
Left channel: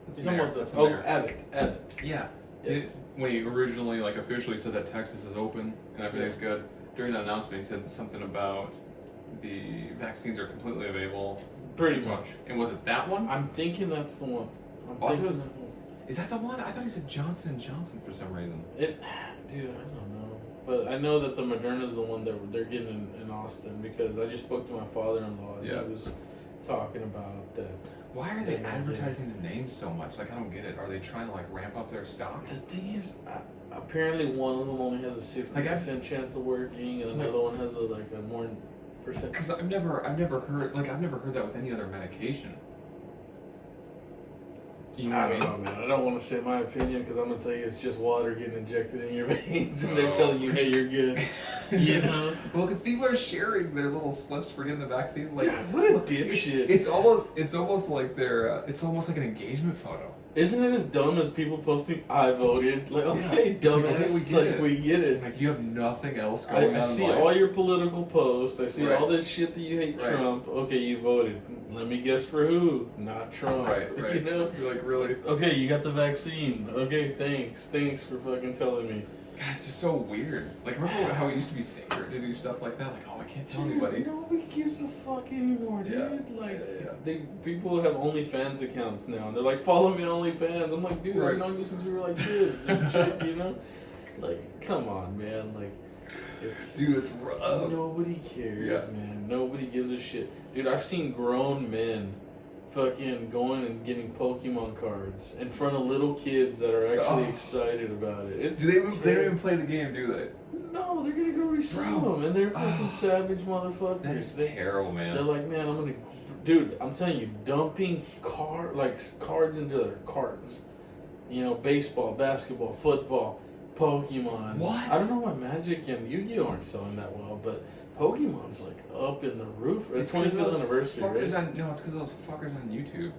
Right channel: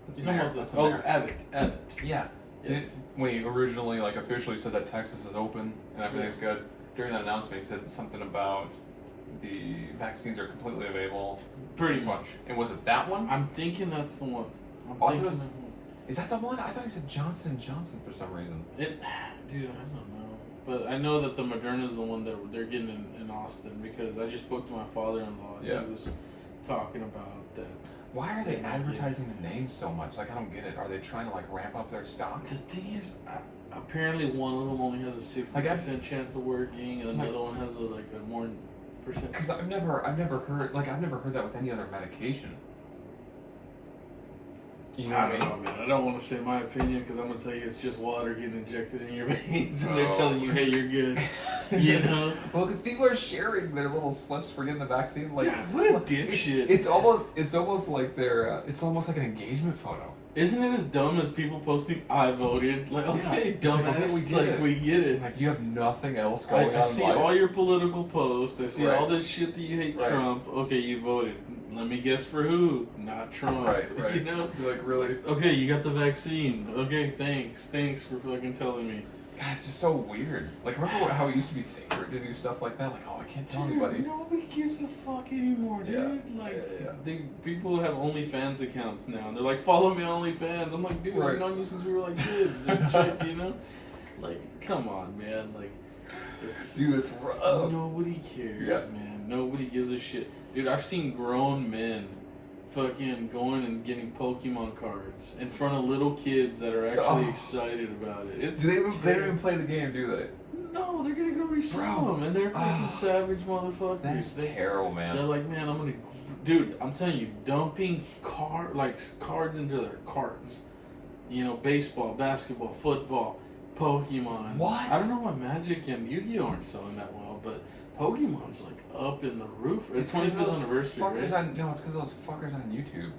That's You talking mayor. about That's the, the oh, mayor. Abbott. Yeah. Yes. When he originally like officially said that Texas is open and everything's good, during that announcement he said something about the vaccines are completely available. Pretty So- much. And was it that one? I'm thinking that's the one. I'm Oh, I thought thinking it was- that's the one. Is that the one? I thought he said Johnson & Johnson for some reason. Dude, I don't know. But I know that the Moderna is the one that they're getting in Austin because I just spoke to my father-in-law and Yeah. he was talking about that. Why are they Yeah. advertising the name so much? Like, I don't get it. Are they trying to like ramp up their stock? The thing is, apparently one of them only has a 60% chance of working, and Like- another one has a more percent. Because I've never heard that with any other medication. You know I what don't know, man. I don't want to say my opinion because I'm gonna tell you it's just water getting injected in your veins, and they're Oh. telling you, "Hey, you're good." You know? Well, because people are sharing their little slips for getting the vaccine. Like, Yeah, what a dipshit! It's almost like their, it's almost like an engagement photo. Isn't it as dumb as people posting, "I voted"? Like, Yeah. okay, It's like, dumbass. okay, we get it. We get it. Like, you have nothing else going I on see in life. all your political posts. I see Right. all the shit that you hate Right. Trump. Okay, you voted. Let me guess for who? Not Trump. Right. You know? You're like, really? Okay, you got the vaccine. Okay, thanks. Thanks for fucking telling me. God, it's just so weird. Like, remember how it used to be sacred to do stuff like that? Like, oh, I can't tell anybody. Nobody gives a fuck anymore, dude. Yeah. Like, Yeah. people have OnlyFans accounts now, and they're like, "Follow me on OnlyFans." I'm like, dude, Right. I've known you since we were like kids and shit, you know? Like, come on, man. Like, it's Dude, it's rough. nobody cares, Yeah. man. Nobody gives a shit, dude. I've seen grown men fucking going and getting Pokemon cards in front of little kids that are actually Oh. excited about it. It's They don't terrible. even play the game, do they? No, they're gonna go resell Bro. them, and they're fucking Ah. savage motherfuckers. That's terrible, They're man. like, man, I'm gonna, dude. I'm telling you, dumping cards into their carts. You know, baseball, basketball, football, Pokemon. What? I don't know why Magic and Yu-Gi-Oh aren't selling that well, but Pokemon's like up in the roof. It's 25th anniversary, fuckers right? No, it's because those fuckers on YouTube.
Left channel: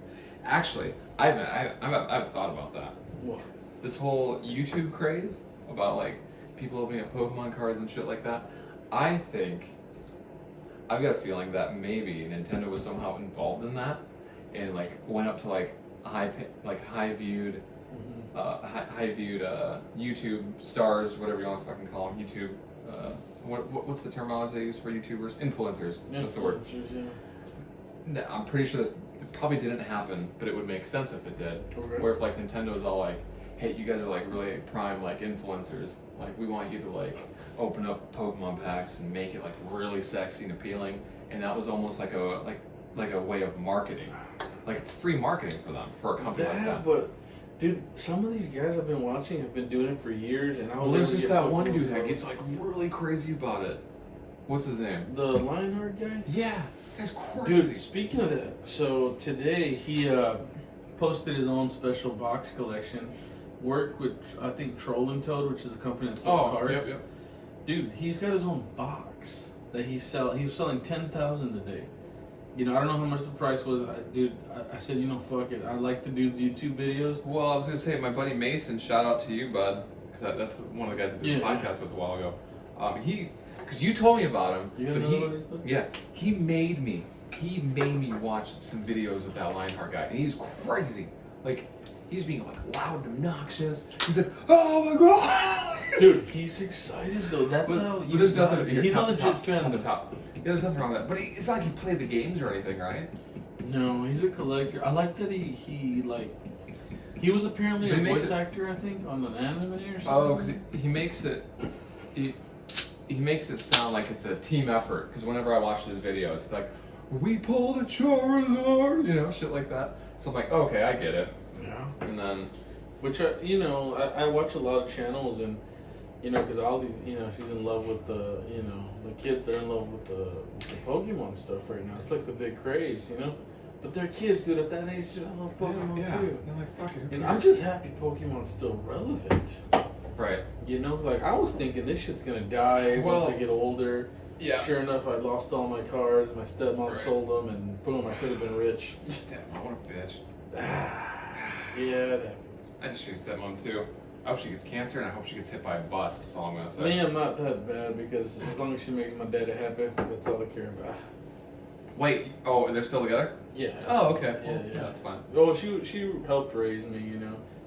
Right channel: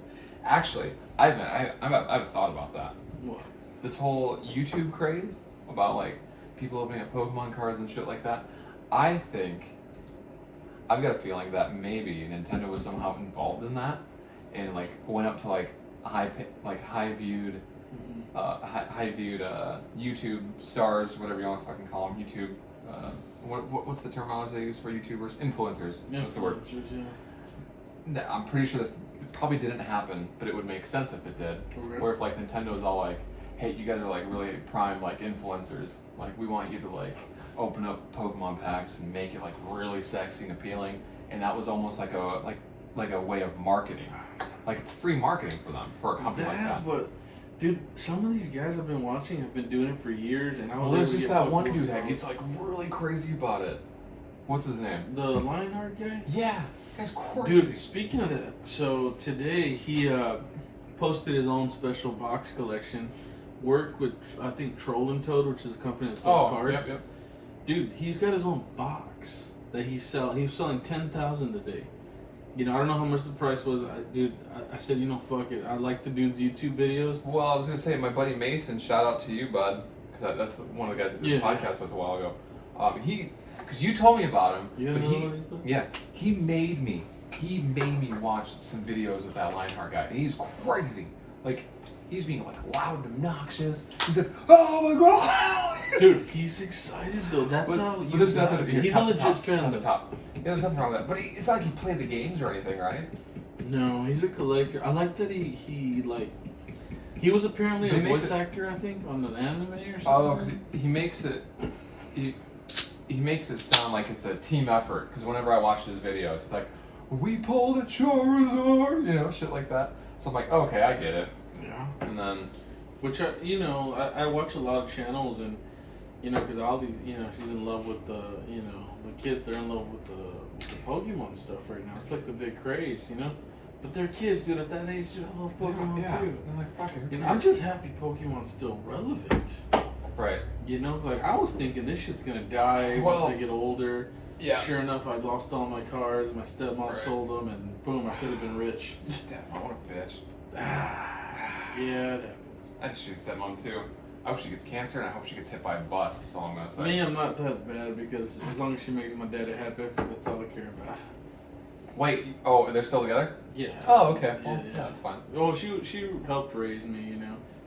Actually, I haven't thought about that. What? This whole YouTube craze about like people opening up Pokemon cards and shit like that. I think I've got a feeling that maybe Nintendo was somehow involved in that and like went up to like high viewed YouTube stars, whatever you want to fucking call them, YouTube. What's the terminology they use for YouTubers? Influencers. That's the word. Yeah. I'm pretty sure this probably didn't happen, but it would make sense if it did. Okay. Where if like Nintendo's all like, "Hey, you guys are like really prime like influencers. Like we want you to like open up Pokemon packs and make it like really sexy and appealing." And that was almost like a way of marketing. Like it's free marketing for them for a company like that. But dude, some of these guys I've been watching have been doing it for years, and I was Well, there's able to just get that one Pokemon dude that cards. gets like really crazy about it. What's his name? The Lionheart guy. Yeah, guy's crazy. Dude, speaking of that, so today he posted his own special box collection. Worked with, I think, Troll and Toad, which is a company that sells cards. Yep. Dude, he's got his own box that he's selling. He was selling 10,000 today. You know, I don't know how much the price was. I said, you know, fuck it. I like the dude's YouTube videos. Well, I was gonna say my buddy Mason. Shout out to you, bud, because that's one of the guys I did the Yeah. podcast with a while ago. because you told me about him, You but know what he's been? he made me watch some videos with that Lionheart guy, and he's crazy. Like, he's being like loud and obnoxious. He's like, oh my god, Dude, he's excited though. That's how. But there's nothing. Here, He's a top, legit top, fan. top, the top. Yeah, there's nothing wrong with that. But it's not like he played the games or anything, right? No, he's a collector. I like that he was apparently But a he makes voice actor, I think, on an anime or something. Oh, because he makes it. He makes it sound like it's a team effort. Because whenever I watch his videos, it's like, we pulled a Charizard, you know, shit like that. So I'm like, okay, I get it. Yeah. And then, Which I watch a lot of channels and because all these she's in love with the the kids. They're in love with the Pokemon stuff right now. It's like the big craze, But they're kids, dude. At that age, dude, I love Pokemon yeah, too. they're like, fuck it. Who And cares? I'm just happy Pokemon's still relevant. Right. Like I was thinking this shit's gonna die once Well, I get older. Yeah. Sure enough, I lost all my cards. My stepmom Right. sold them, and boom, I could have been rich. Stepmom, what a bitch. Yeah, it happens. I just shoot stepmom too. I hope she gets cancer and I hope she gets hit by a bus. That's all I'm gonna say. Me, I'm not that bad because as long as she makes my daddy happy, that's all I care about. Wait. Oh, they're still together? Yeah. Oh, okay. Well, Yeah, yeah, that's fine. Well, she helped raise me.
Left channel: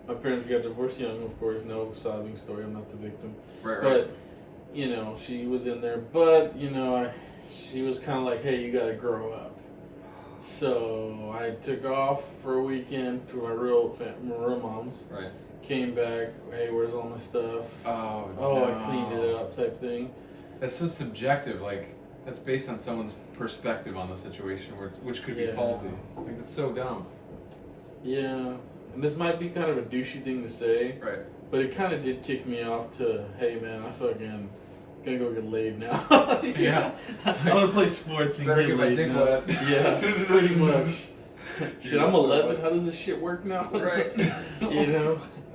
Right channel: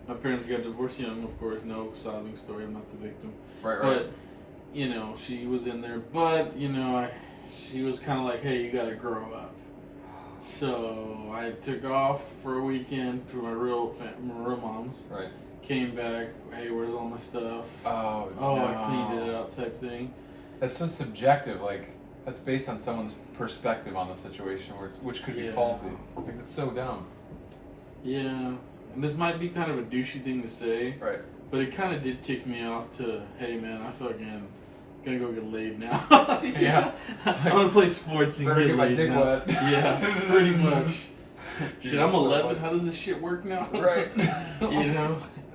My parents got divorced young, of course. No sobbing story. I'm not the victim. Right. But she was in there. But she was kind of like, hey, you got to grow up. So I took off for a weekend to my real mom's. Right. Came back. Hey, where's all my stuff? Oh. Oh, no. I cleaned it out, type thing. That's so subjective. Like, that's based on someone's perspective on the situation, which could be Yeah. faulty. Like, that's so dumb. Yeah. And this might be kind of a douchey thing to say, Right. but it kind of did kick me off to, hey man, I fucking gonna go get laid now. Yeah. I want to play sports and Better get get my laid dick now. wet. Yeah, pretty much. Dude, Shit, I'm that's so 11. funny. How does this shit work now? Right.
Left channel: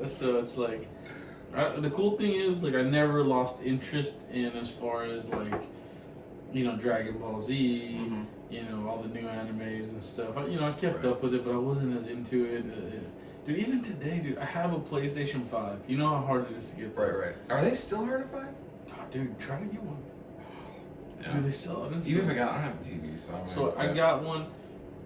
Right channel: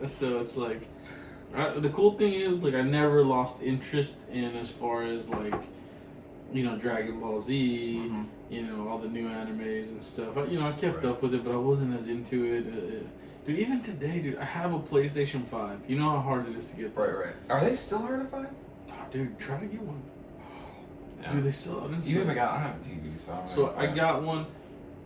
So it's like, the cool thing is, like, I never lost interest in as far as like, Dragon Ball Z. Mhm. All the new animes and stuff. I kept Right. up with it, but I wasn't as into it. Dude, even today, dude, I have a PlayStation 5. You know how hard it is to get those. Right. Are they still hard to find? God, dude, try to get one. Yeah. Do they sell it? Even if I don't have a TV, so I don't So know. I got one.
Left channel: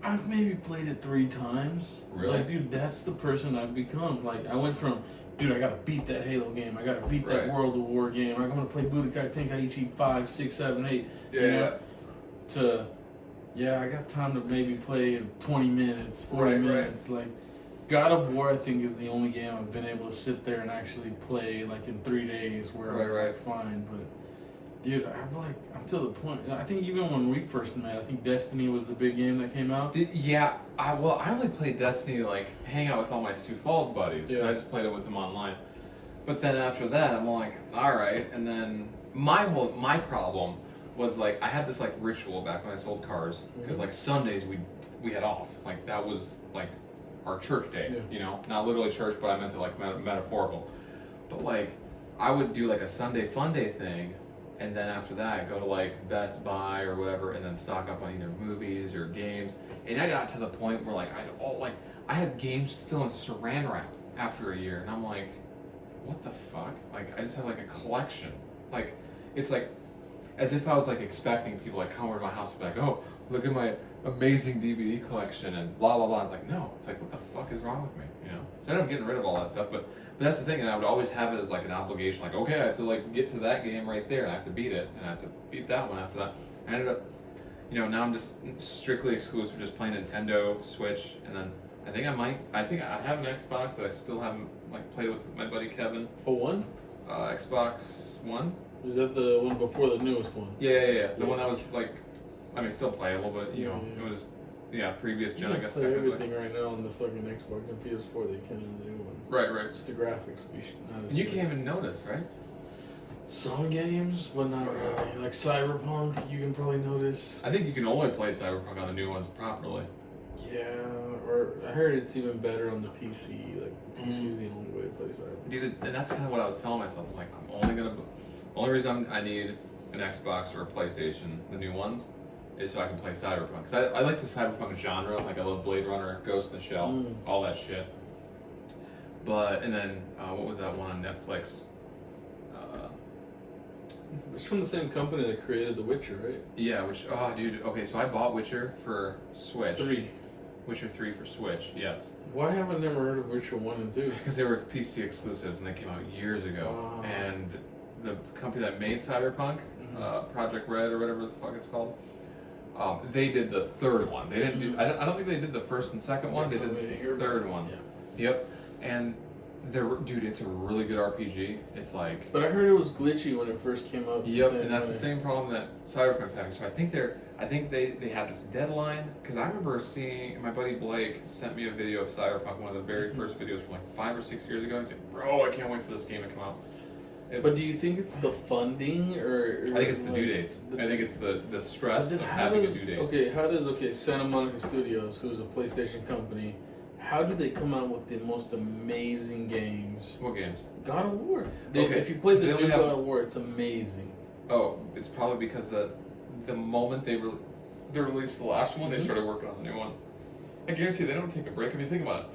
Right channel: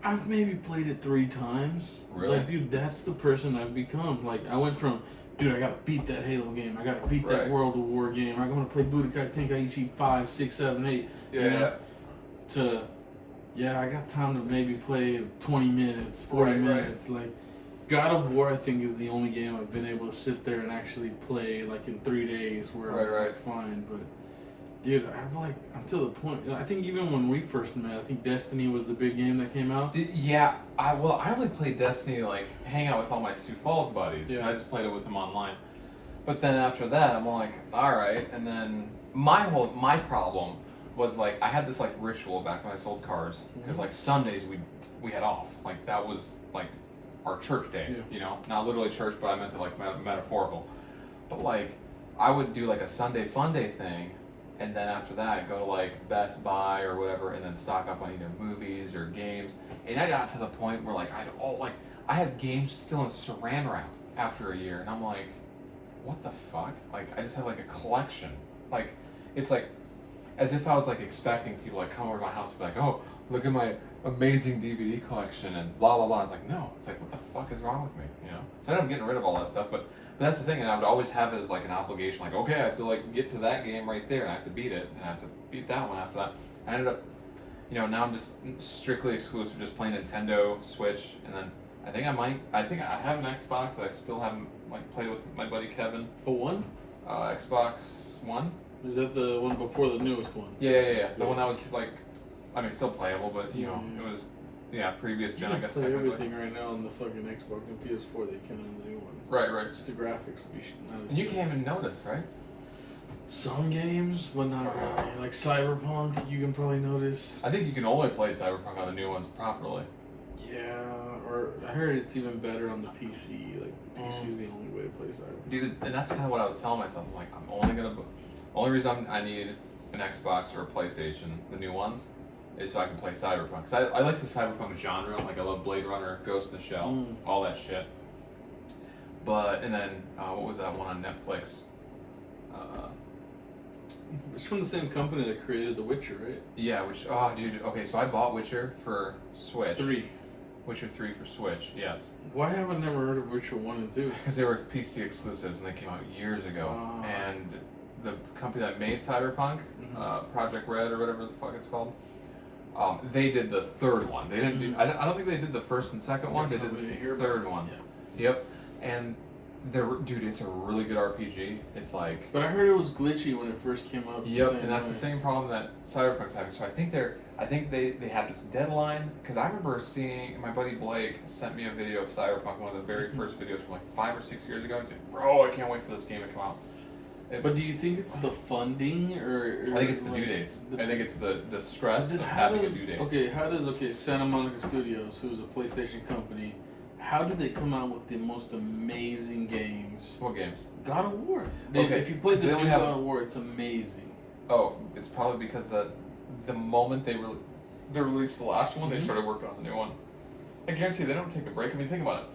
I've maybe played it 3 times. Really? Like, dude, that's the person I've become. Like, I went from, dude, I gotta beat that Halo game. I gotta beat that Right. World World of War game. I'm gonna play Budokai Tenkaichi 5, 6, 7, 8. Yeah. To, I got time to maybe play 20 minutes, 40 Right. minutes. Like, God of War, I think, is the only game I've been able to sit there and actually play, like, in 3 days where I'm Right. like, fine. But, dude, I'm to the point. I think even when we first met, I think Destiny was the big game that came out. I only played Destiny like hang out with all my Sioux Falls buddies. Yeah. And I just played it with them online. But then after that, I'm like, all right. And then my problem was like I had this like ritual back when I sold cars because like Sundays we had off. Like that was like our church day. Yeah. Not literally church, but I meant it like metaphorical. But like I would do like a Sunday fun day thing. And then after that, I'd go to like Best Buy or whatever, and then stock up on either movies or games. And I got to the point where like I had games still in Saran wrap after a year, and I'm like, what the fuck? Like I just had like a collection. Like it's like as if I was like expecting people like come over to my house and be like, oh, look at my amazing DVD collection and blah blah blah. It's like no, it's like what the fuck is wrong with me? So I ended up getting rid of all that stuff, but that's the thing, and I would always have it as like an obligation, like okay, I have to like get to that game right there, and I have to beat it, and I have to beat that one after that. I ended up, now I'm just strictly exclusive, just playing Nintendo, Switch, and then I think I have an Xbox that I still haven't like played with my buddy Kevin. Oh, one? Xbox One. Is that the one before the newest one? Yeah. The one that was like, I mean, still playable, but Yeah. it was, previous You gen, I can guess. play Technically. everything right now on the fucking Xbox and PS4. They can on the new ones. Right. It's the graphics. Not as And you good. can't even notice, right? Some games, but not really. Like Cyberpunk, you can probably notice. I think you can only play Cyberpunk on the new ones properly. Yeah, or I heard it's even better on the PC. Like the PC is the only way to play Cyberpunk. Dude, and that's kind of what I was telling myself. I'm like, only reason I need an Xbox or a PlayStation, the new ones, is so I can play Cyberpunk. Because I like the Cyberpunk genre. Like I love Blade Runner, Ghost in the Shell, all that shit. But, and then, what was that one on Netflix? It's from the same company that created The Witcher, right? Yeah, which dude, okay, so I bought Witcher for Switch. 3. Witcher 3 for Switch, yes. Why haven't I never heard of Witcher 1 and 2? Because they were PC exclusives and they came out years ago. Oh. And the company that made Cyberpunk, Project Red or whatever the fuck it's called, they did the third one. They didn't do. I don't think they did the first and second one. That's they what did we the hear third about. one. Yeah. Yep. And dude, it's a really good RPG. It's like. But I heard it was glitchy when it first came out. Yep, and that's the same problem that Cyberpunk's having. So I think they had this deadline because I remember seeing my buddy Blake sent me a video of Cyberpunk, one of the very first videos from like 5 or 6 years ago, and said, "Bro, I can't wait for this game to come out." But do you think it's the funding or I think it's the like, due dates. I think it's the stress of how having a does, due date. okay, Santa Monica Studios, who's a PlayStation company, how do they come out with the most amazing games? What games? God of War. Okay, If you play the they new only have- God of War, it's amazing. Oh, it's probably because the moment they released the last one, they started working on the new one. I guarantee they don't take a break. I mean, think about it.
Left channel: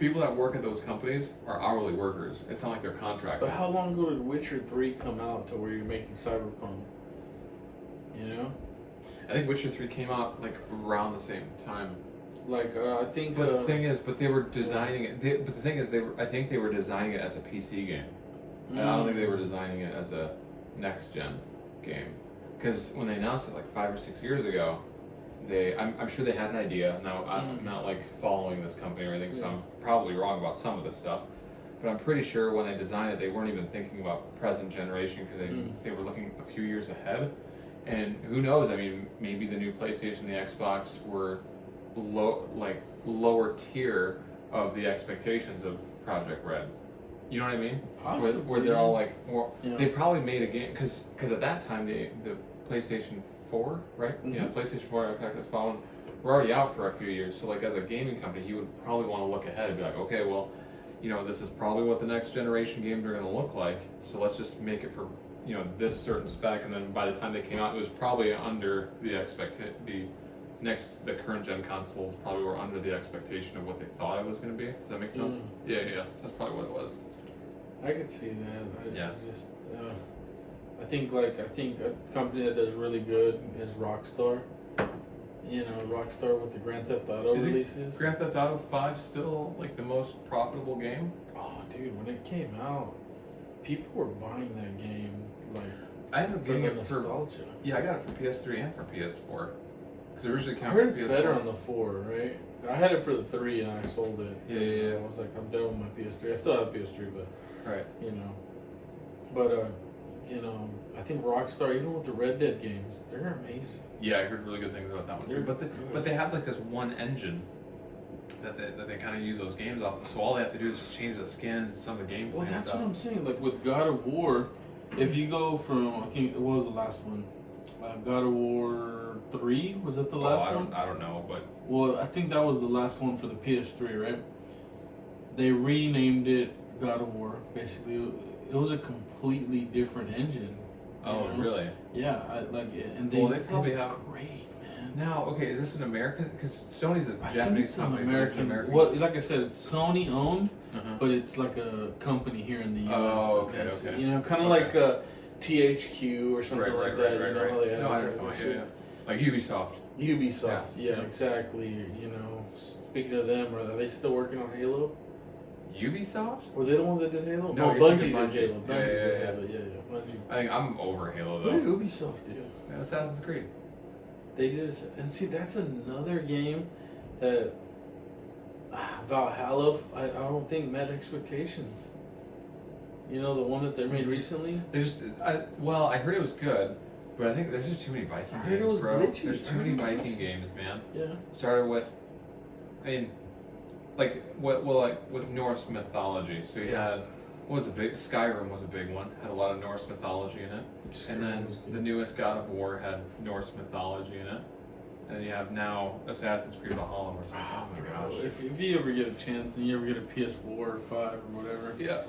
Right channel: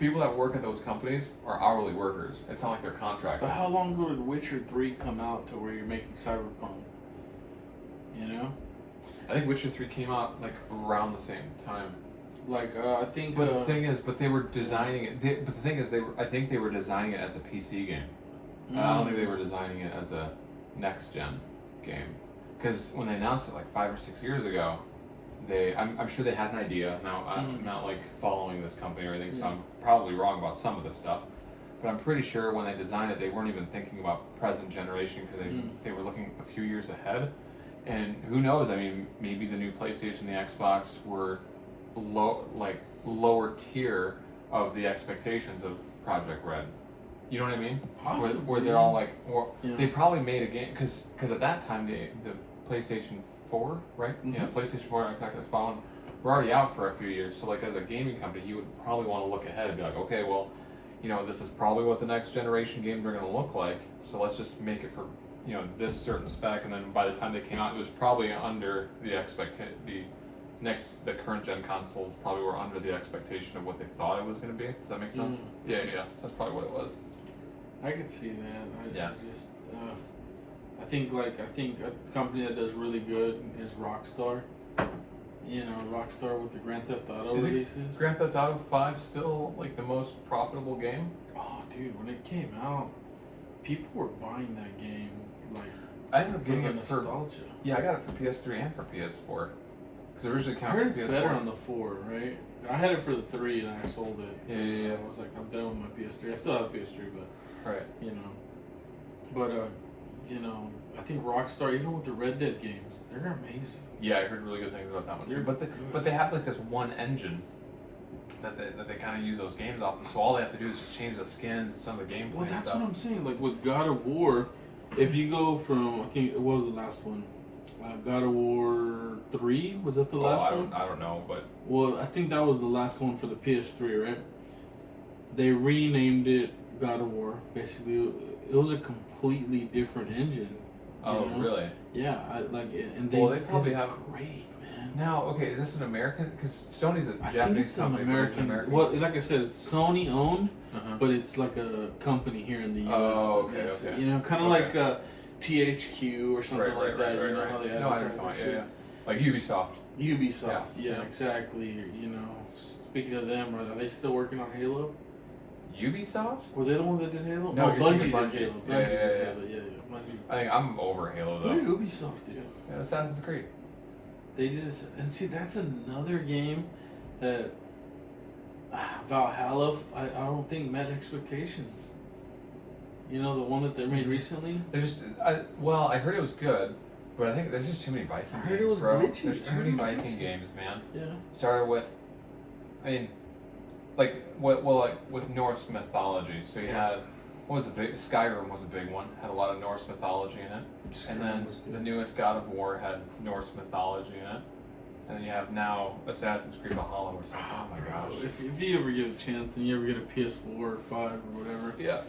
People that work at those companies are hourly workers. It's not like they're contracted. But how long ago did Witcher 3 come out to where you're making Cyberpunk? You know? I think Witcher 3 came out like around the same time. Like, I think... But the thing is, they were designing it. But the thing is, I think they were designing it as a PC game. I don't think they were designing it as a next-gen game. Because when they announced it like 5 or 6 years ago, I'm sure they had an idea. Now, I'm not like following this company or anything, so I'm probably wrong about some of this stuff. But I'm pretty sure when they designed it, they weren't even thinking about present generation because they were looking a few years ahead. And who knows? I mean, maybe the new PlayStation, the Xbox were lower tier of the expectations of Project Red. You know what I mean? Possibly. Where they're all like, Yeah. they probably made a game because at that time the PlayStation 4, right? Yeah, PlayStation 4 and Xbox One were already out for a few years. So like as a gaming company, you would probably want to look ahead and be like, okay, well, you know, this is probably what the next generation games are going to look like. So let's just make it for this certain spec, and then by the time they came out, it was probably under the the current gen consoles probably were under the expectation of what they thought it was going to be. Does that make sense? Yeah. That's probably what it was. I could see that. Yeah. I think a company that does really good is Rockstar. You know, Rockstar with the Grand Theft Auto releases. Grand Theft Auto 5 still like the most profitable game? Oh, dude, when it came out, people were buying that game like I ended up getting it for nostalgia. Yeah, I got it for PS3 and for PS4 because originally I came out heard for it's PS4. better on the 4, right? I had it for the 3 and I sold it. Yeah. I was like, I'm done with my PS3. I still have PS3, but Right. I think Rockstar, even with the Red Dead games, they're amazing. Yeah, I heard really good things about that one too. But they have like this one engine that they kind of use those games off of. So all they have to do is just change the skins and some of the gameplay. Well, that's stuff. what I'm saying. Like with God of War, if you go from, I think it was the last one, God of War 3, was that the last one? I don't know, but Well, I think that was the last one for the PS3, right? They renamed it God of War. Basically, it was a completely different engine. Really? Yeah, and they probably have great, man. Now, okay, is this an American? Because Sony's a I think Japanese it's an company. But it's American. American. Well, like I said, it's Sony owned, Uh-huh. but it's like a company here in the U.S. Oh, okay, It's, okay. You know, kind of Okay. like THQ or something like that. You know how they No, I advertise know. and Yeah, shit. yeah. Like Ubisoft. Ubisoft, yeah, Yeah. exactly. You know, speaking of them, are they still working on Halo? Ubisoft? Was they the ones that did Halo? No, Bungie you're did thinking Halo. Bungie. Bungie Yeah, did yeah. Halo. Yeah, Bungie. I think I'm over Halo What though. did Ubisoft do? Yeah, Assassin's Creed. They did, and see, that's another game that Valhalla. I don't think met expectations. You know, the one that they made recently. There's just, I heard it was good, but I think there's just too many Viking I games, heard it was bro. glitchy. There's I too heard many it was Viking glitchy. games, man. Yeah. Started with, I mean, like with Norse mythology. So you had, what was the big? Skyrim was a big one. Had a lot of Norse mythology in it. And then the newest God of War had Norse mythology in it. And then you have now Assassin's Creed Valhalla or something. Oh my gosh. If you ever get a chance and you ever get a PS4 or 5 or whatever, Yeah.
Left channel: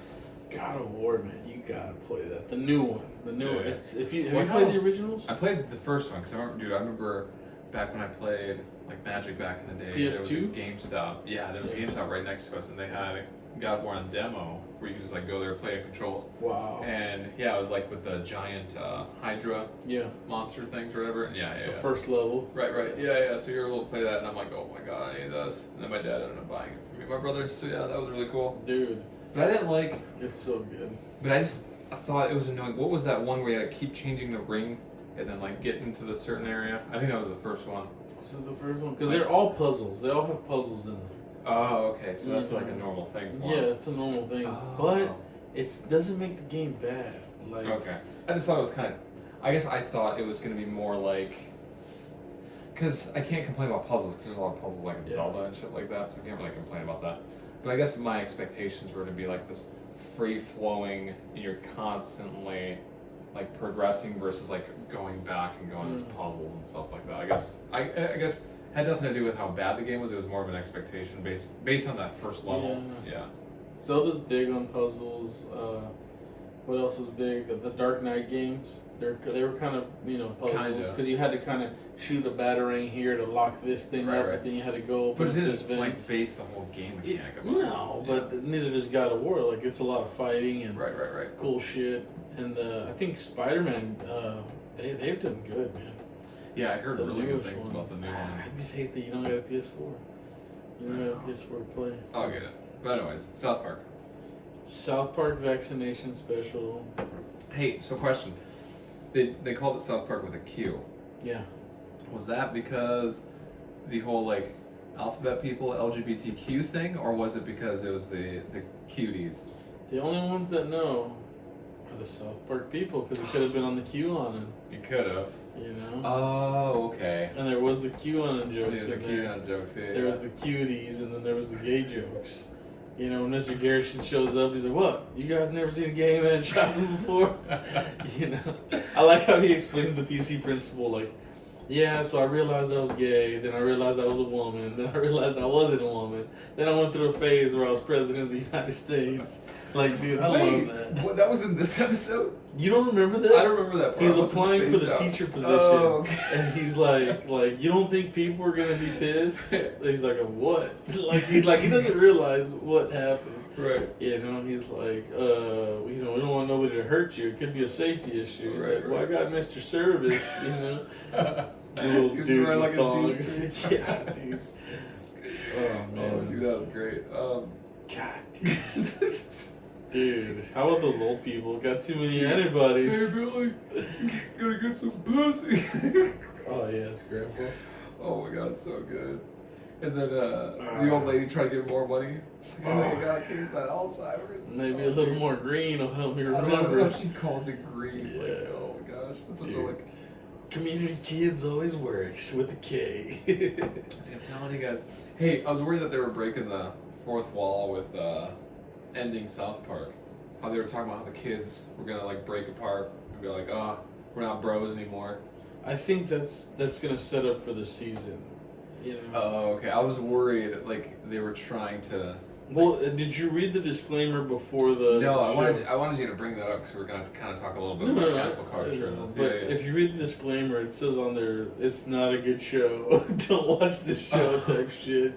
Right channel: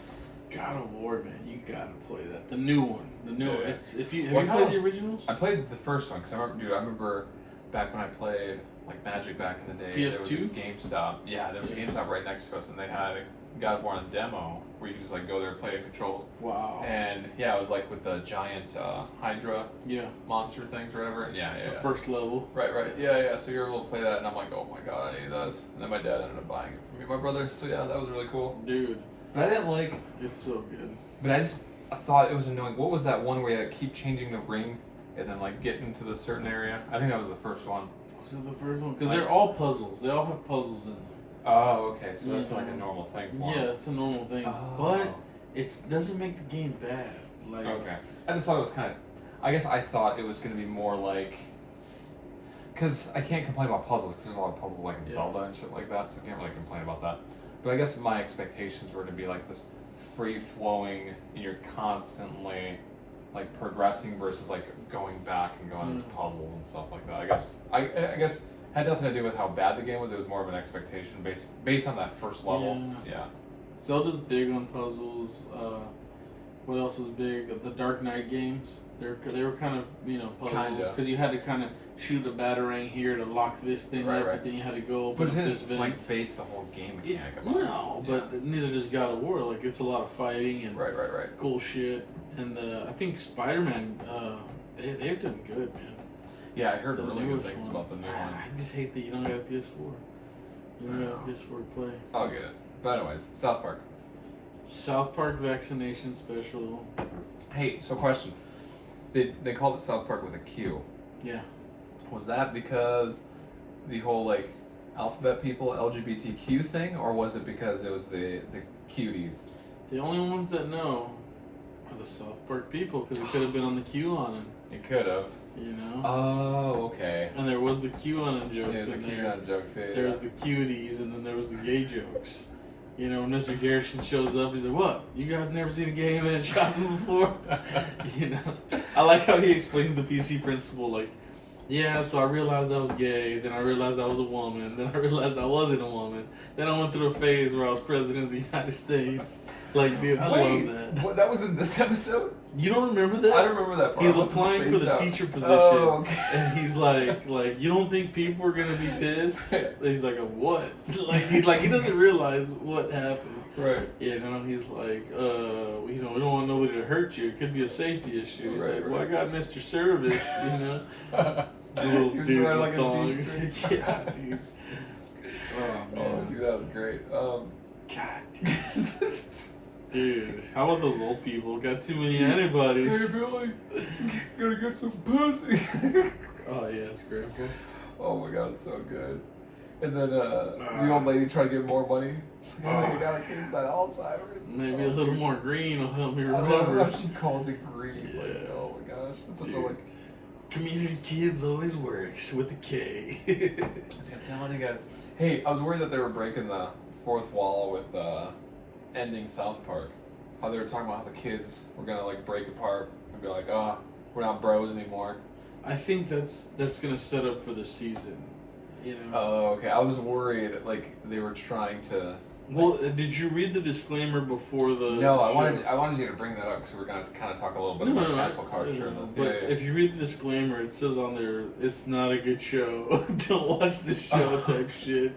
God of War, man, you gotta play that. The new one. The new one. Yeah. It's, have you What played kind the originals? I played the first one because I remember back when I played like Magic back in the day. There was a PS2? GameStop. Yeah, there was a GameStop right next to us, and they had God of War on demo where you can just like go there, play the controls. Wow. And yeah, it was like with the giant Hydra Yeah. monster things or whatever. And yeah. The first level. Right. Yeah. So you're able to play that, and I'm like, oh my god, I need this. And then my dad ended up buying it for me, my brother. So yeah, that was really cool. Dude. But I didn't like. It's so good. But I thought it was annoying. What was that one where you had to keep changing the ring and then like get into the certain area? I think that was the first one. Was it the first one? Because they're all puzzles. They all have puzzles in them. Oh, okay. So that's like a normal thing for Yeah, them. it's a normal thing. Oh. But it doesn't make the game bad. Like, Okay. I just thought it was kind of. I guess I thought it was going to be more like. Because I can't complain about puzzles because there's a lot of puzzles like in Zelda and shit like that, so I can't really complain about that. But I guess my expectations were to be like this free flowing, and you're constantly like progressing versus like going back and going into puzzles and stuff like that. I guess had nothing to do with how bad the game was. It was more of an expectation based on that first level. Yeah. Zelda's big on puzzles. What else was big? The Dark Knight games. They were kind of puzzles because you had to kind of shoot a batarang here to lock this thing up, but then you had to go open but it this didn't like base the whole game mechanic. No, but neither does God of War. Like it's a lot of fighting and right. cool shit. And I think Spider-Man, they've done good, man. Yeah, I heard really good things about the new one. I just hate that you don't got a PS4. You don't have a PS4 to play. I'll get it. But anyways, South Park. South Park vaccination special. Hey, so question. They called it South Park with a Q. Yeah. Was that because the whole like alphabet people LGBTQ thing, or was it because it was the cuties? The only ones that know are the South Park people because it could have been on the QAnon. It could have. You know. Oh, okay. And there was the QAnon jokes. There's the QAnon jokes. Yeah. There was the cuties, and then there was the gay jokes. You know, when Mr. Garrison shows up, he's like, "What? You guys never seen a gay man shopping before?" You know, I like how he explains the PC principle. Like, yeah, so I realized I was gay, then I realized I was a woman, then I realized I wasn't a woman, then I went through a phase where I was president of the United States. Like, dude, I love that. What, that was in this episode? You don't remember that? I don't remember that part. He's applying for the teacher position, and he's like, you don't think people are gonna be pissed? He's like, what? He doesn't realize what happened. Right. You know, he's like, we don't want nobody to hurt you. It could be a safety issue. He's like, well, I got Mr. Service, you know. Little dude wearing like a G-string. Yeah, dude. Oh man, oh, dude, that was great. God, dude. Dude, how about those old people? Got too many antibodies. Hey, Billy, gotta get some pussy. Oh, yes, Grandpa. Oh my god, it's so good. And then the old lady tried to get more money. She's like, oh, you got a case of that Alzheimer's. Maybe a little more green will help me I love remember. how she calls it green. Yeah. Like, oh my gosh. That's such a, Dude. like... Community Kids always works with a K. I'm telling you guys. Hey, I was worried that they were breaking the fourth wall with ending South Park. How they were talking about how the kids were gonna like break apart and be like, oh, we're not bros anymore. I think that's gonna set up for the season. You know. Oh, okay. I was worried like they were trying to. Well, did you read the disclaimer before the? No, show? I wanted you to bring that up because we're gonna kind of talk a little bit about cancel culture and this. But if you read the disclaimer, it says on there, it's not a good show. Don't watch this show type shit.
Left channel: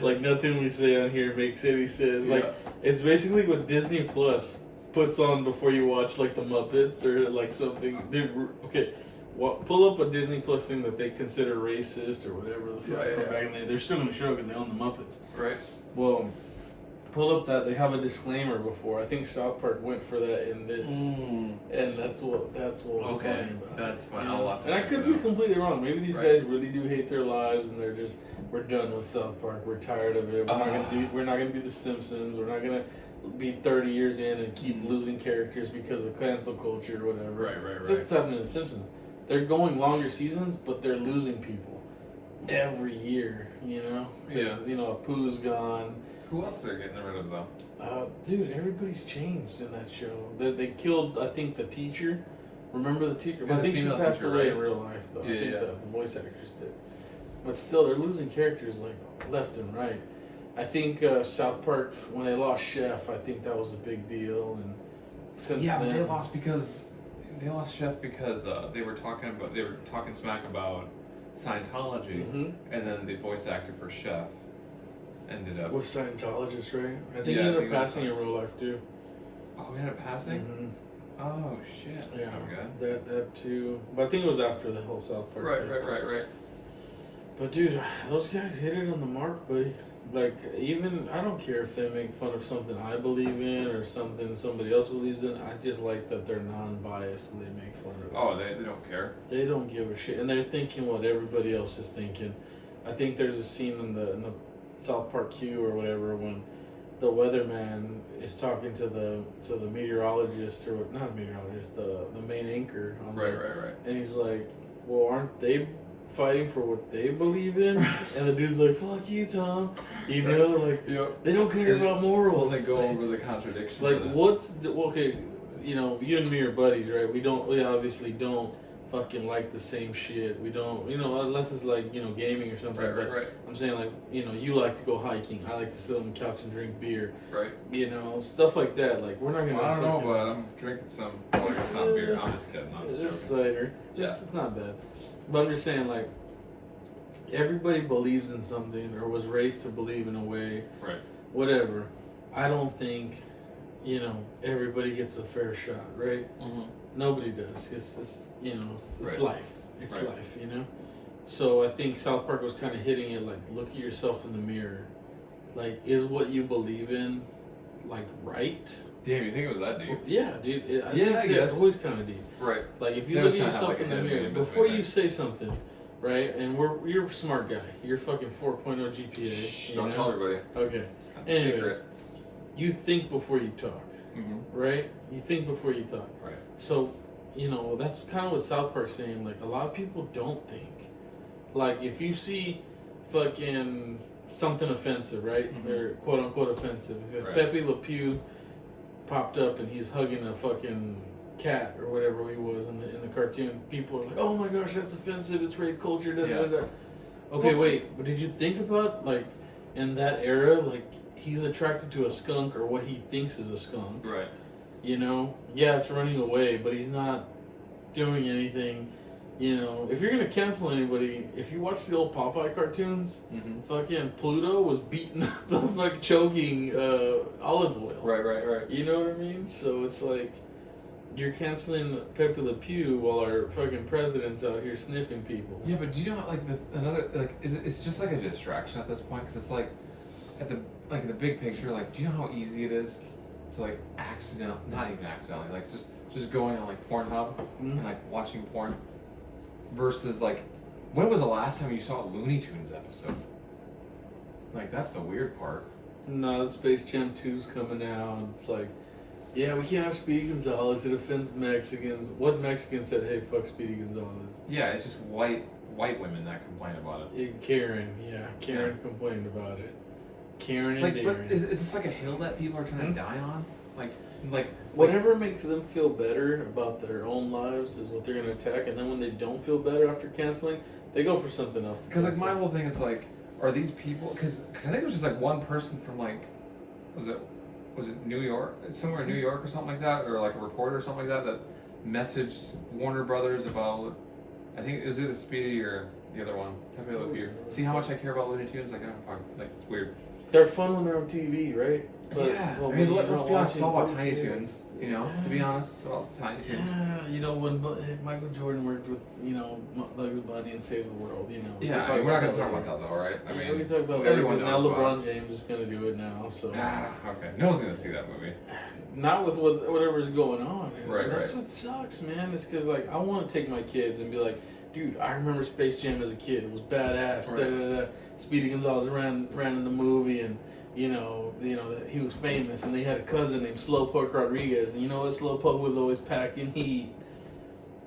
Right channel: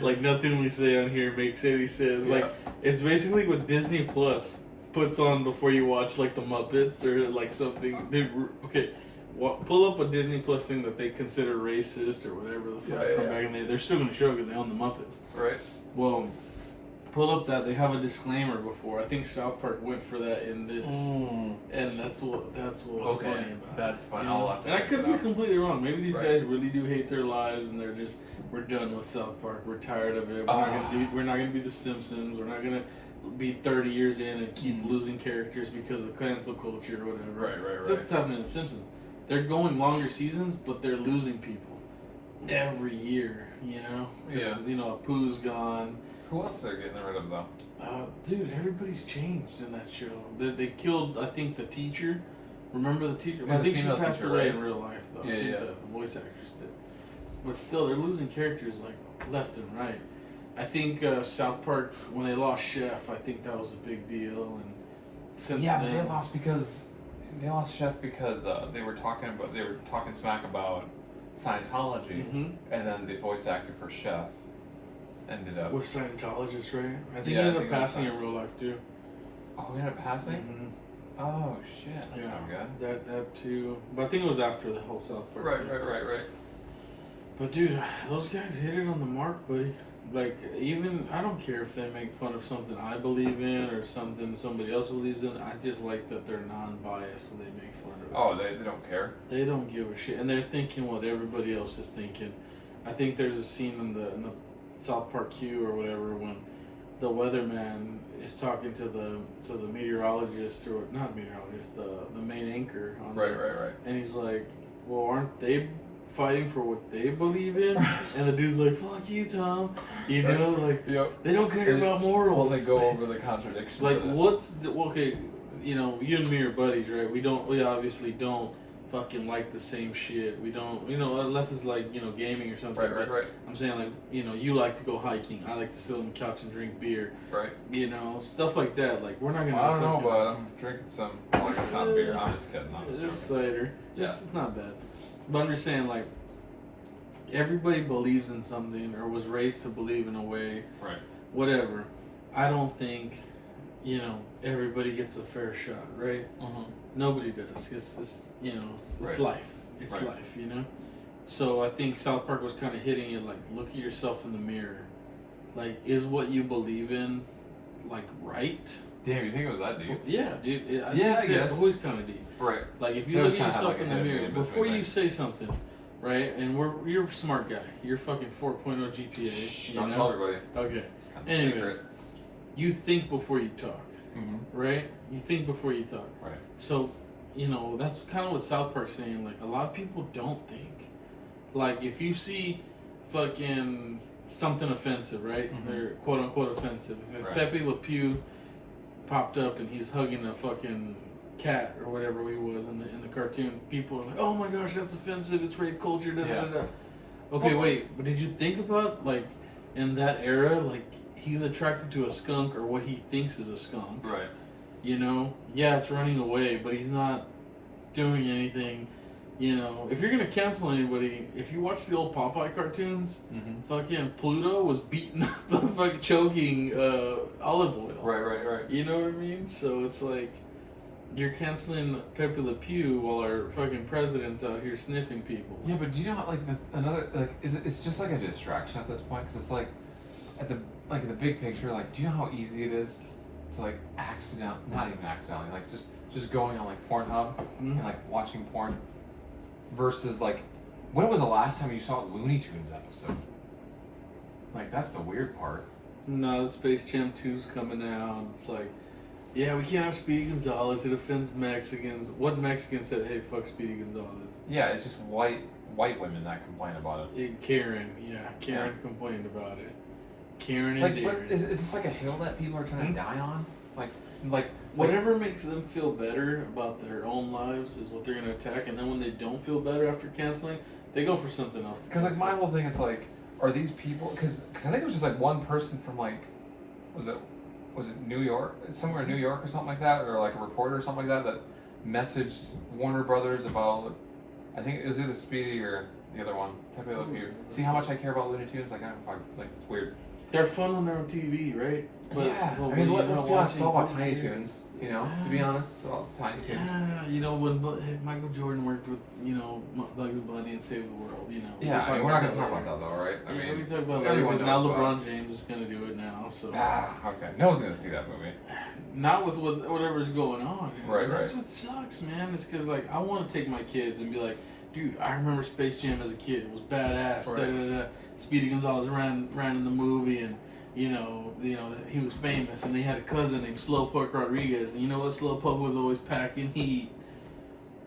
Like nothing we say on here makes any sense. Like it's basically what Disney Plus puts on before you watch like the Muppets or like something. Okay. Pull up a Disney Plus thing that they consider racist or whatever the fuck. Back in the day. They're still gonna show because they own the Muppets. Right. Well, pull up that they have a disclaimer before. I think South Park went for that in this, and that's what was funny about. That's fine. You know? I'll have to. And I could be completely wrong. Maybe these Right. guys really do hate their lives, and they're just we're done with South Park. We're tired of it. We're not gonna be the Simpsons. We're not gonna be 30 years in and keep losing characters because of cancel culture or whatever. Right. So that's what's happening in The Simpsons. They're going longer seasons, but they're losing people every year. You know, you know, Apu's gone. Who else they're getting rid of though? Dude, everybody's changed in that show. They killed, I think, the teacher. Remember the teacher? Yeah, I think she female passed teacher, away right? in real life, though. Yeah, I think yeah. the voice actress did. But still, they're losing characters like left and right. I think South Park, when they lost Chef, I think that was a big deal. And since then, they lost Chef because they were talking smack about Scientology, Mhm. and then the voice actor for Chef ended up. Was Scientologist, right? I think Yeah, he I ended think up it was passing in real life too. Oh, we ended up passing. Mm-hmm. Oh shit, that's not good. That too. But I think it was after the whole South Park. Right. But dude, those guys hit it on the mark, buddy. Like, even I don't care if they make fun of something I believe in or something somebody else believes in. I just like that they're non-biased and they make fun of it. Oh, they don't care. They don't give a shit, and they're thinking what everybody else is thinking. I think there's a scene in the South Park Q or whatever when the weatherman is talking to the meteorologist, or not meteorologist, the main anchor on Right. and he's like, well, aren't they fighting for what they believe in? And the dude's like, fuck you, Tom. You know, like, they don't care about morals. Well, they go over the contradictions. Like, okay, you know, you and me are buddies, right? We obviously don't fucking like the same shit. We don't, you know, unless it's like, you know, gaming or something. Right. I'm saying, like, you know, you like to go hiking. I like to sit on the couch and drink beer. Right. You know, stuff like that. Like, we're not gonna. Well, I don't know, but I'm drinking some. Like, it's not beer. I'm just kidding. I'm just It's joking. cider. Yeah. It's not bad. But I'm just saying, like, everybody believes in something or was raised to believe in a way. Right. Whatever. I don't think, you know, everybody gets a fair shot, right? Mm-hmm. Nobody does. It's you know, it's Right. life. It's Right. life, you know? So I think South Park was kind of hitting it like, look at yourself in the mirror. Like, is what you believe in, like, right? Damn, you think it was that deep? Yeah, dude. I Yeah, I guess. It's always kind of deep. Right. Like, if you They look always at kinda have, yourself like, a in the hidden mirror, meaning before between you that. say something, right? And you're a smart guy. You're fucking 4.0 GPA. Shh, you don't know? tell everybody. Okay. It's kind of Anyways, secret. you think before you talk, Mm-hmm. right? You think before you talk. Right. So, you know, that's kind of what South Park's saying. Like, a lot of people don't think. Like, if you see fucking something offensive, right? Mhm. Or quote unquote offensive. If Right. Pepe Le Pew popped up and he's hugging a fucking cat or whatever he was in the cartoon, people are like, oh my gosh, that's offensive. It's rape culture. Da, Yeah. da, da. Okay, Well, wait. But did you think about, like, in that era, like, he's attracted to a skunk or what he thinks is a skunk? Right. You know, yeah, it's running away, but he's not doing anything. You know, if you're gonna cancel anybody, if you watch the old Popeye cartoons, Mm-hmm. fucking Pluto was beating up the fucking choking olive oil. Right. You know what I mean? So it's like you're canceling Pepe Le Pew while our fucking president's out here sniffing people. Yeah, but do you know how, like, another, like, it's just like a distraction at this point, because it's like at the big picture, like, do you know how easy it is to, like, not even accidentally, like, just going on, like, Pornhub and, like, watching porn versus, like, when was the last time you saw a Looney Tunes episode? Like, that's the weird part. No, the Space Jam 2's coming out. It's like, yeah, we can't have Speedy Gonzalez. It offends Mexicans. What Mexican said, hey, fuck Speedy Gonzalez? Yeah, it's just white women that complain about it. Karen complained about it. Karen and Like, Darren. but is this like a hill that people are trying to die on? Like Whatever makes them feel better about their own lives is what they're going to attack. And then when they don't feel better after canceling, they go for something else. Because, like, my whole thing is, like, are these people... Because I think it was just, like, one person from, like... Was it New York? Somewhere in New York or something like that? Or, like, a reporter or something like that messaged Warner Brothers about... I think it was either Speedy or the other one. Pepe Le Pew. See how much I care about Looney Tunes? Like, it's weird. They're fun when they're on TV, right? But, yeah. well, I mean, when let's you're be honest, it's all about watching Tiny TV, Toons. You know, to be honest, it's all about Tiny Toons. Yeah, you know, when Michael Jordan worked with, you know, Bugs Bunny and Saved the World, you know. Yeah, I mean, we're not going to talk about that, though, right? I mean, we can talk about everyone that because knows now about LeBron James is going to do it now, so. okay. No one's going to see that movie. Not with whatever's going on. Right, That's what sucks, man. It's because, like, I want to take my kids and be like, dude, I remember Space Jam as a kid. It was badass. Right. Da, da, da. Speedy Gonzalez ran in the movie, and you know, he was famous, and they had a cousin named Slowpoke Rodriguez, and you know what? Slowpoke was always packing heat.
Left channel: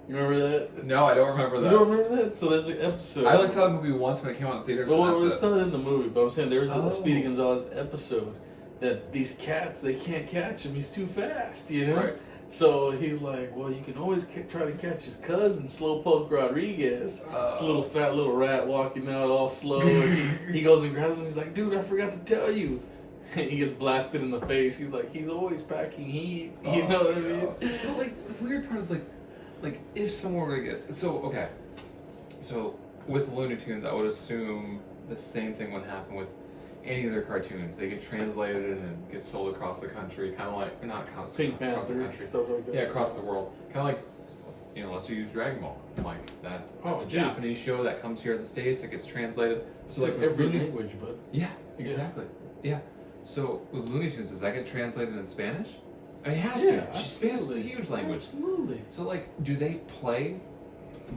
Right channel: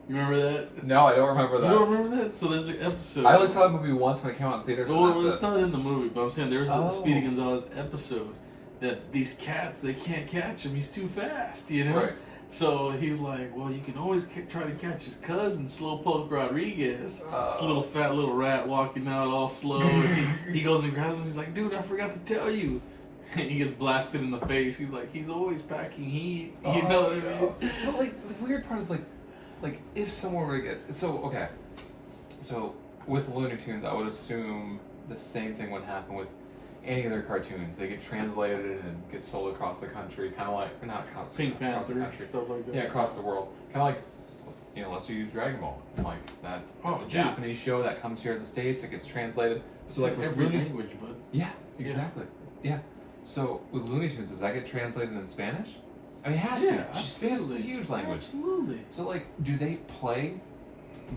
You remember that? No, I don't remember that. You don't remember that? So there's an episode. I only saw the movie once when it came out in theaters. Well, and it's that's not in the movie, but I'm saying there's Oh. a Speedy Gonzalez episode that these cats, they can't catch him. He's too fast, you know? Right. So he's like, well, you can always try to catch his cousin, Slowpoke Rodriguez. This little fat little rat walking out all slow. And he goes and grabs him. He's like, dude, I forgot to tell you. And he gets blasted in the face. He's like, he's always packing heat. You know what I mean? But, like, the weird part is, like if someone were to get... So, with Looney Tunes, I would assume the same thing would happen with any of their cartoons. They get translated and get sold across the country, kind of like, or not across the Pink country, Panther, stuff like that. yeah, across the world. Kind of like, you know, let's use Dragon Ball. Like that's Oh, a dude. Japanese show that comes here to the States. It gets translated. So like with every Looney, language, bud. yeah, exactly, yeah. So with Looney Tunes, does that get translated in Spanish? I mean, it has Yeah, to. Spanish is a absolutely. huge language. Absolutely. So like, do they play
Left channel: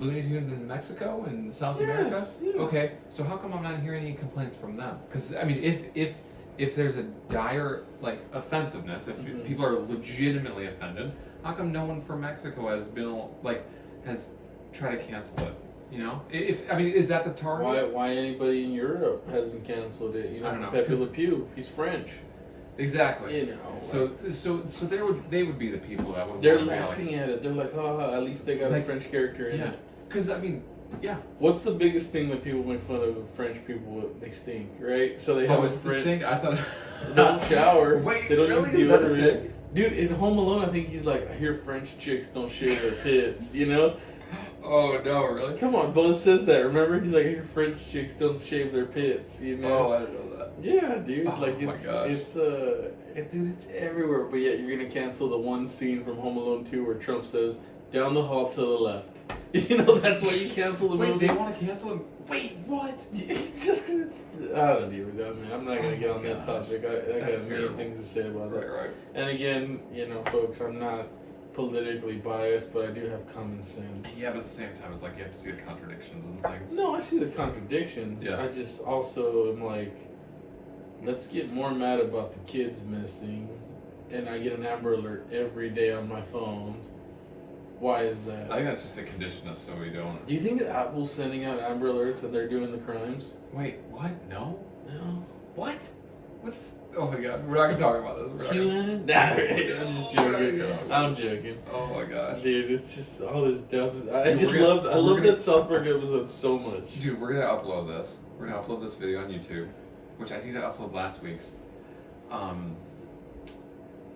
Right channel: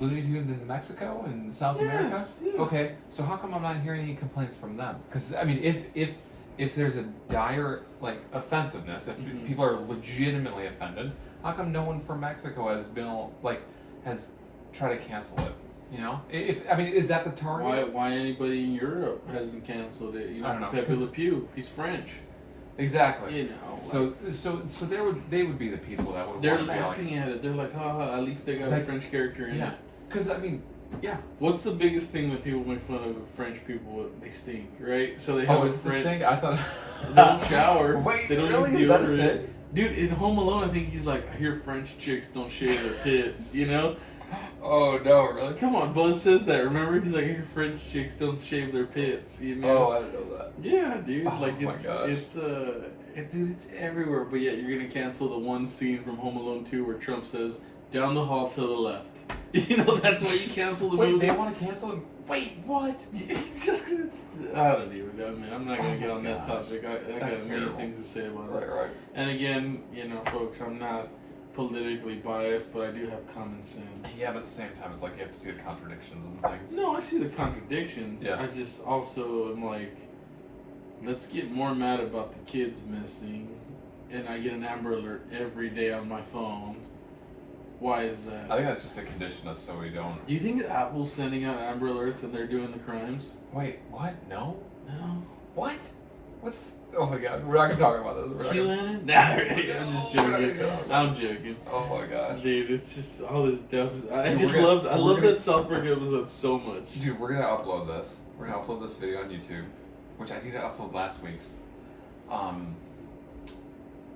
Looney Tunes in Mexico and South America? Yes. Okay, so how come I'm not hearing any complaints from them? Because I mean, if there's a dire like offensiveness, if Mhm. people are legitimately offended, how come no one from Mexico has been like has tried to cancel it? You know, if I mean, is that the target? Why anybody in Europe hasn't canceled it? You know, I don't know, Pepe 'cause- Le Pew, he's French. Exactly. You know, So they would be the people that would they're want to be like, laughing at it. They're like, oh, at least they got a Like, French character in yeah. it. Because I mean, yeah. What's the biggest thing that people make fun of French people with? They stink, right? So they have Oh, a it's the French. thing. I thought They don't shower. Wait, they don't really? use Is that a deodorant. thing? Dude, in Home Alone, I think he's like, I hear French chicks don't shave their pits. You know? Oh no, really? Come on, Buzz says that. Remember, he's like, I hear French chicks don't shave their pits. You know? Oh, I didn't know that. Yeah, dude. Oh like my it's gosh. dude, it's everywhere. But yet you're gonna cancel the one scene from Home Alone 2 where Trump says, "Down the hall to the left." You know, that's why you cancel the Wait, movie. they want to cancel it? Wait, what? Just because it's, I don't even know, man. I'm not gonna Oh get my on that gosh. topic. I got That's many terrible. things to say about Right, it. right. And again, you know, folks, I'm not politically biased, but I do have common sense. Yeah, but at the same time, it's like you have to see the contradictions and things. No, I see the contradictions. Yeah. I just also am like, let's get more mad about the kids missing, and I get an Amber Alert every day on my phone. Why is that? I think that's just a condition of so we don't. Do you think that Apple's sending out Amber Alerts and they're doing the crimes? Wait, what? No? No. What? What's. Oh my god, we're not gonna talk about this. We're not gonna... QAnon? Nah, I'm just joking. I'm joking. Oh my gosh. Dude, it's just all this dumb. I Dude, just we're gonna- loved. I we're love gonna- that South Park episode so much. Dude, we're gonna upload this. We're gonna upload this video on YouTube, which I did upload last week's.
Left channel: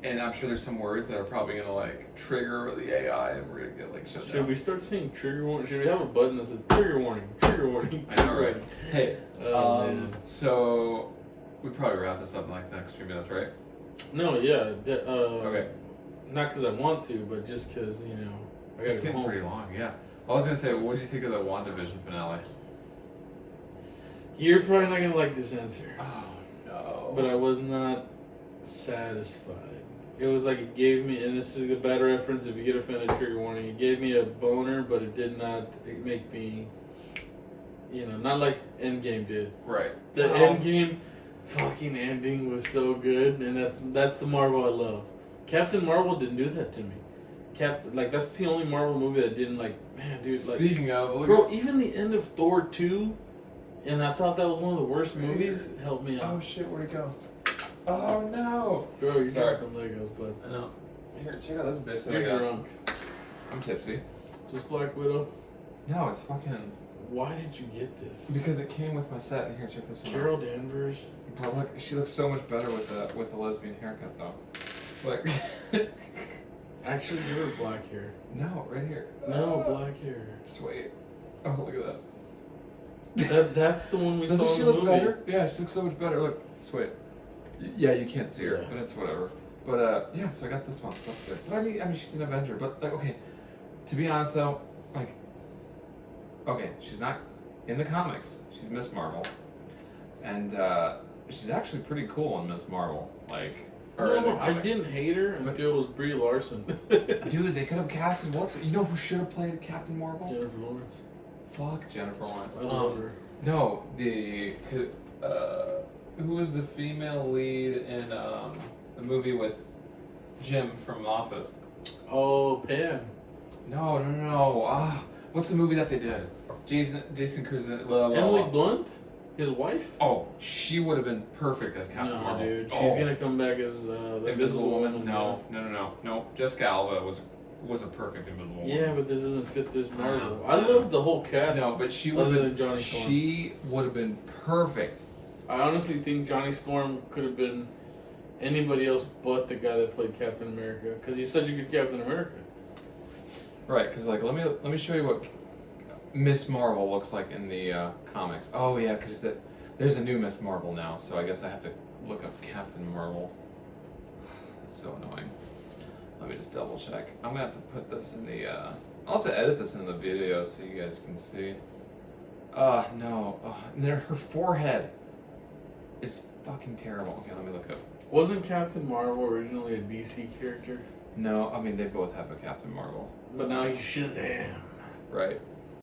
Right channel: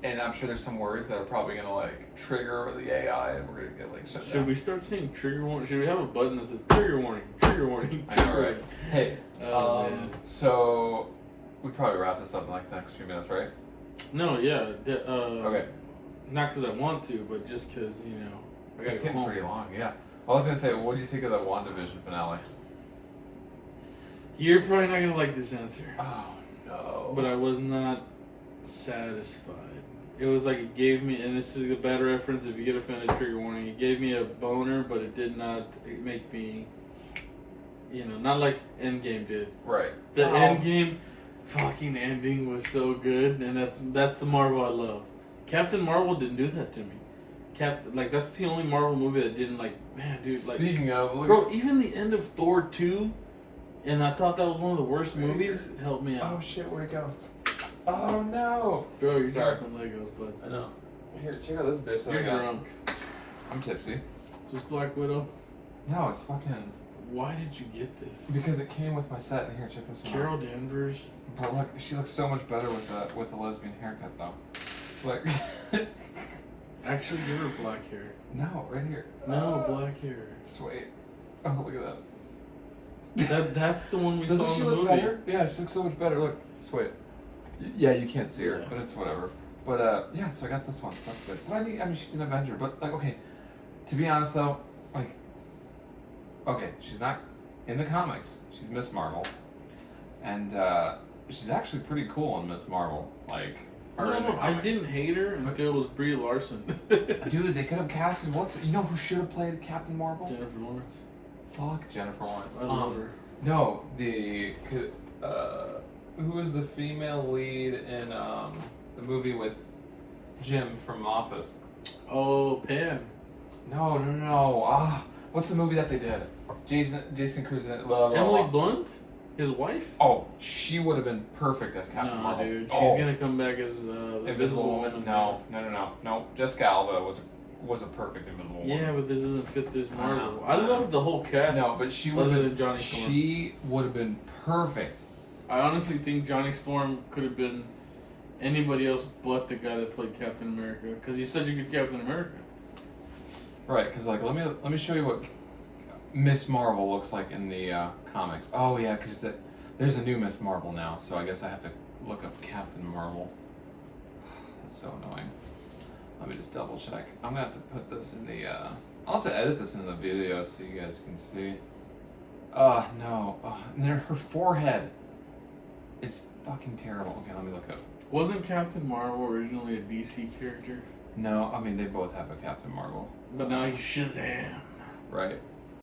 And I'm sure there's some words that are probably gonna like trigger the AI, and we're gonna get like shut Should down. we start saying trigger warning? Should we have a button that says trigger warning? Trigger warning. I know, trigger right? warning? Hey, Oh, man. so we probably wrap this up in like the next few minutes, right? No, yeah. Okay. Not because I want to, but just because I gotta It's go getting home. pretty long, yeah. I was gonna say, what did you think of the WandaVision finale? You're probably not gonna like this answer, Oh no. but I was not satisfied. It was like it gave me, and this is a bad reference. If you get offended, trigger warning. It gave me a boner, but it did not make me, not like Endgame did. right. The Oh. Endgame fucking ending was so good, and that's the Marvel I love. Captain Marvel didn't do that to me. That's the only Marvel movie that didn't man, dude. Speaking of, look Bro, even the end of Thor 2, and I thought that was one of the worst movies, helped me out. oh shit, where'd it go? Oh no. Bro, you're Sorry. dropping Legos, but I know. Here, check out this bitch that I you're got. drunk. I'm tipsy. Just Black Widow. No, it's fucking Why did you get this? because it came with my set. Here, check this one Carol out. Danvers. But look, she looks so much better with a lesbian haircut though. Like, Actually, you were black hair. no, right here. No, black hair. Just wait. Oh, look at that. That's the one we Doesn't saw she in the look movie. better? Yeah, she looks so much better. Look, just wait. Yeah, you can't see her, Yeah. but it's whatever. But yeah, so I got this one, so that's good. But I mean, she's an Avenger. But like, okay, to be honest though, like, okay, she's not in the comics. She's Miss Marvel, and she's actually pretty cool in Miss Marvel. Like, or in the No, I comics. didn't hate her until it was Brie Larson. Dude, they could have casted you know who should have played Captain Marvel? Jennifer Lawrence. Fuck Jennifer Lawrence. I love her. No, who was the female lead in the movie with Jim from Office? Oh, Pam. No. What's the movie that they did? Jason Cruz. Emily Blunt? His wife? Oh, she would have been perfect as Captain No, Marvel. dude. Oh, She's gonna come back as the Invisible Woman. No. Jessica Alba was a perfect Invisible Woman. Yeah, but this doesn't fit this I Marvel. know. I love the whole cast. No, but she would other have than been. Johnny Storm. She would have been perfect. I honestly think Johnny Storm could have been anybody else but the guy that played Captain America, because he's such a good Captain America. Right, because like let me show you what Miss Marvel looks like in the comics. Oh yeah, because There's a new Miss Marvel now, so I guess I have to look up Captain Marvel. That's so annoying. Let me just double check. I'm gonna have to put this in the, I'll have to edit this in the video so you guys can see. No. And then her forehead is fucking terrible. Okay, let me look up. Wasn't Captain Marvel originally a DC character? No, I mean, they both have a Captain Marvel. But now he's Shazam. Right.